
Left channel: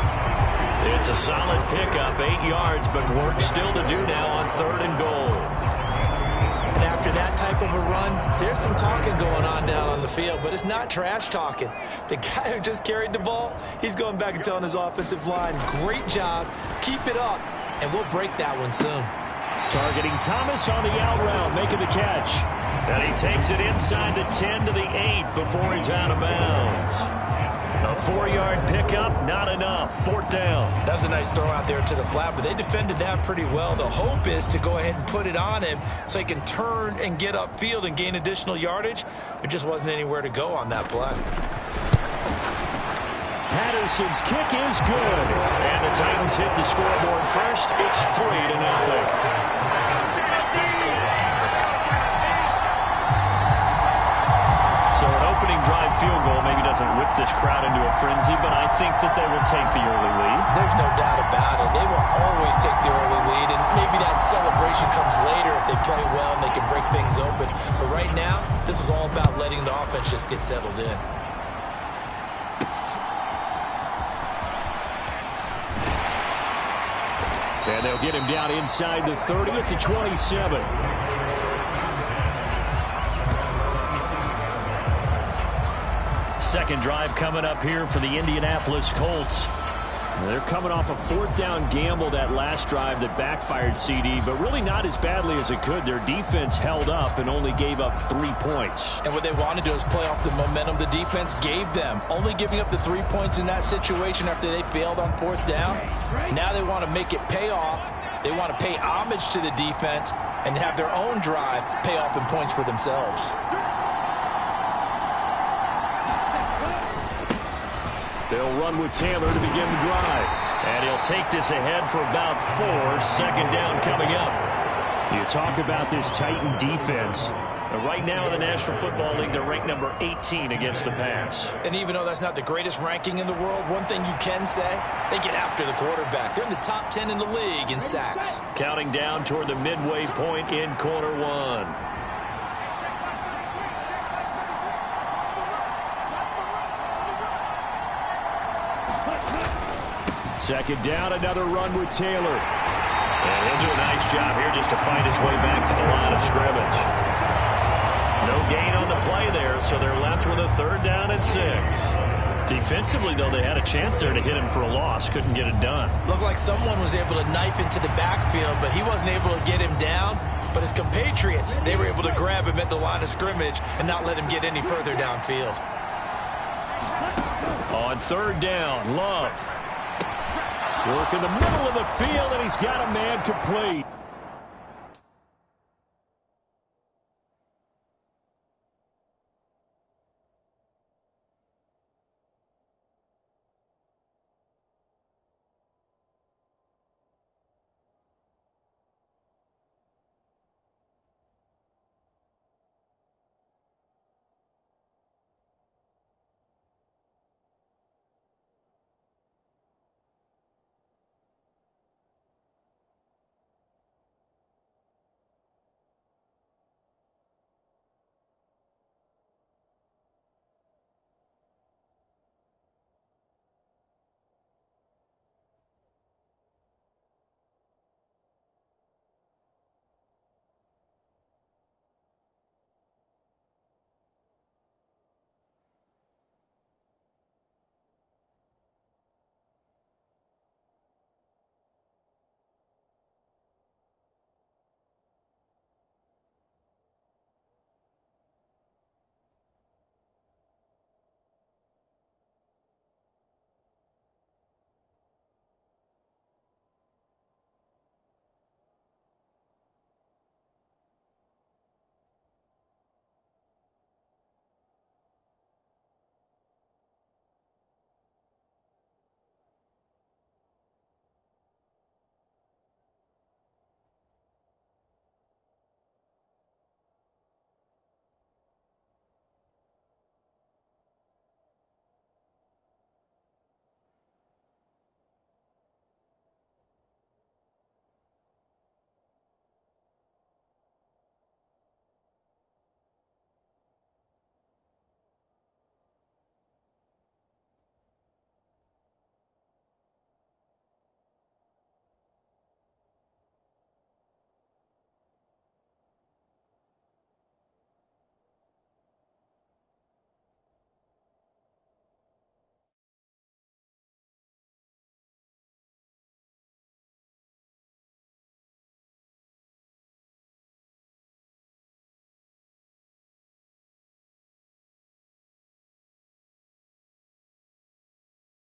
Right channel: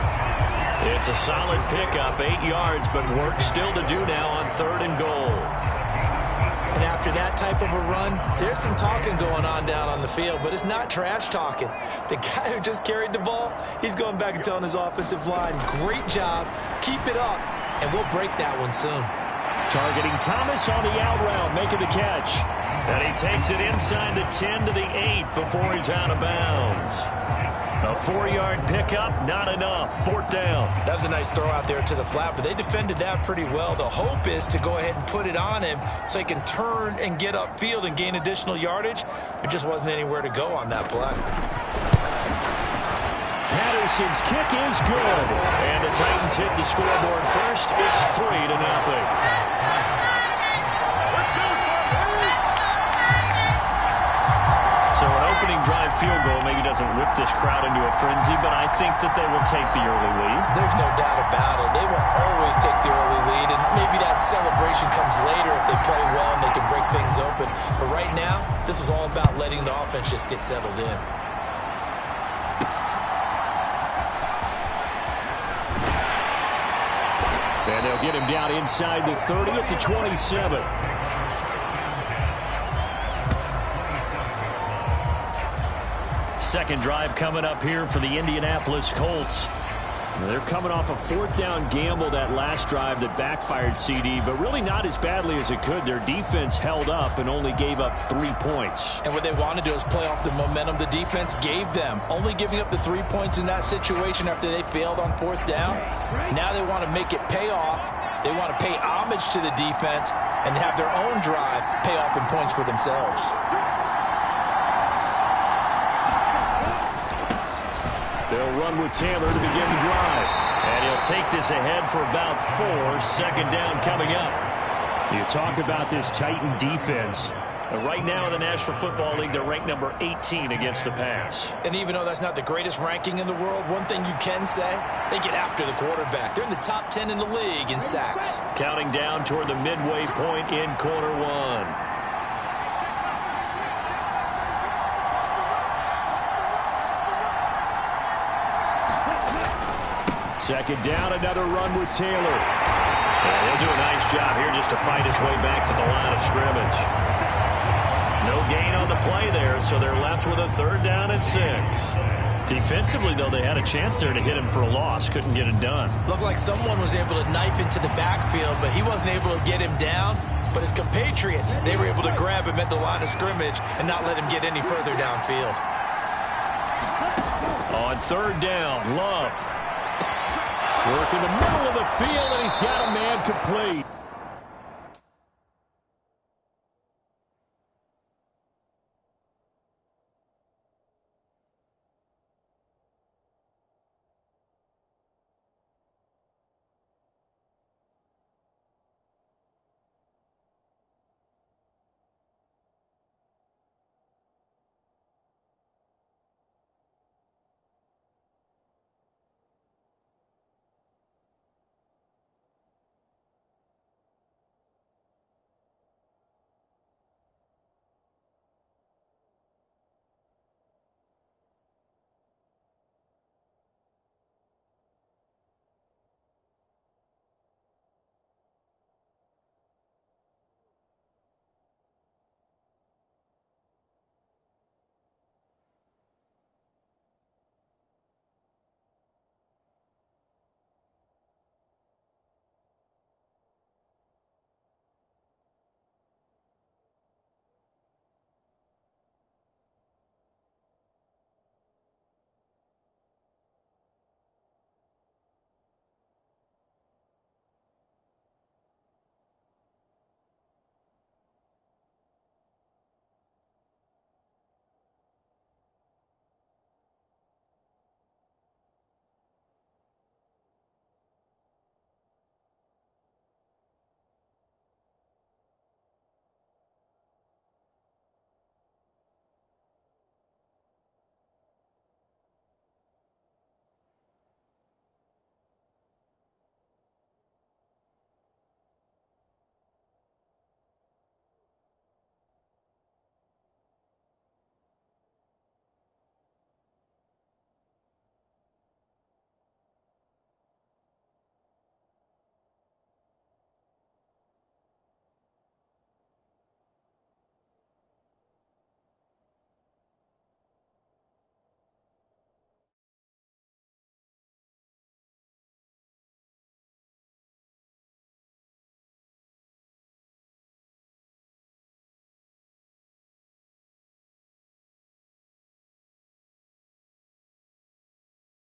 It's a solid pickup, 8 yards, but work still to do now on 3rd and goal. And after that type of a run, there's some talking going on down on the field, but it's not trash talking. The guy who just carried the ball, he's going back and telling his offensive line, great job, keep it up, and we'll break that one soon. Targeting Thomas on the out route, making the catch. And he takes it inside the 10 to the 8 before he's out of bounds. A 4-yard pickup, not enough. 4th down. That was a nice throw out there to the flat, but they defended that pretty well. The hope is to go ahead and put it on him so he can turn and get upfield and gain additional yardage. There just wasn't anywhere to go on that play. Patterson's kick is good. And the Titans hit the scoreboard first. It's 3-0. So an opening drive field goal maybe doesn't whip this crowd into a frenzy, but I think that they will take the early lead. There's no doubt about it. They will always take the early lead, and maybe that celebration comes later if they play well and they can break things open. But right now, this was all about letting the offense just get settled in. And they'll get him down inside the 30 at the 27. Second drive coming up here for the Indianapolis Colts. They're coming off a 4th down gamble that last drive that backfired, CD, but really not as badly as it could. Their defense held up and only gave up 3 points. And what they want to do is play off the momentum the defense gave them. Only giving up the 3 points in that situation after they failed on 4th down. Now they want to make it pay off. They want to pay homage to the defense and have their own drive pay off in points for themselves. They'll run with Taylor to begin the drive. And he'll take this ahead for about 4. 2nd down coming up. You talk about this Titan defense. Right now in the National Football League, they're ranked number 18 against the pass. And even though that's not the greatest ranking in the world, one thing you can say, they get after the quarterback. They're in the top 10 in the league in sacks. Counting down toward the midway point in quarter 1. Second down, another run with Taylor. And he'll do a nice job here just to fight his way back to the line of scrimmage. No gain on the play there, so they're left with a 3rd down and 6. Defensively, though, they had a chance there to hit him for a loss. Couldn't get it done. Looked like someone was able to knife into the backfield, but he wasn't able to get him down. But his compatriots, they were able to grab him at the line of scrimmage and not let him get any further downfield. On 3rd down, Love. Work in the middle of the field, and he's got a man complete.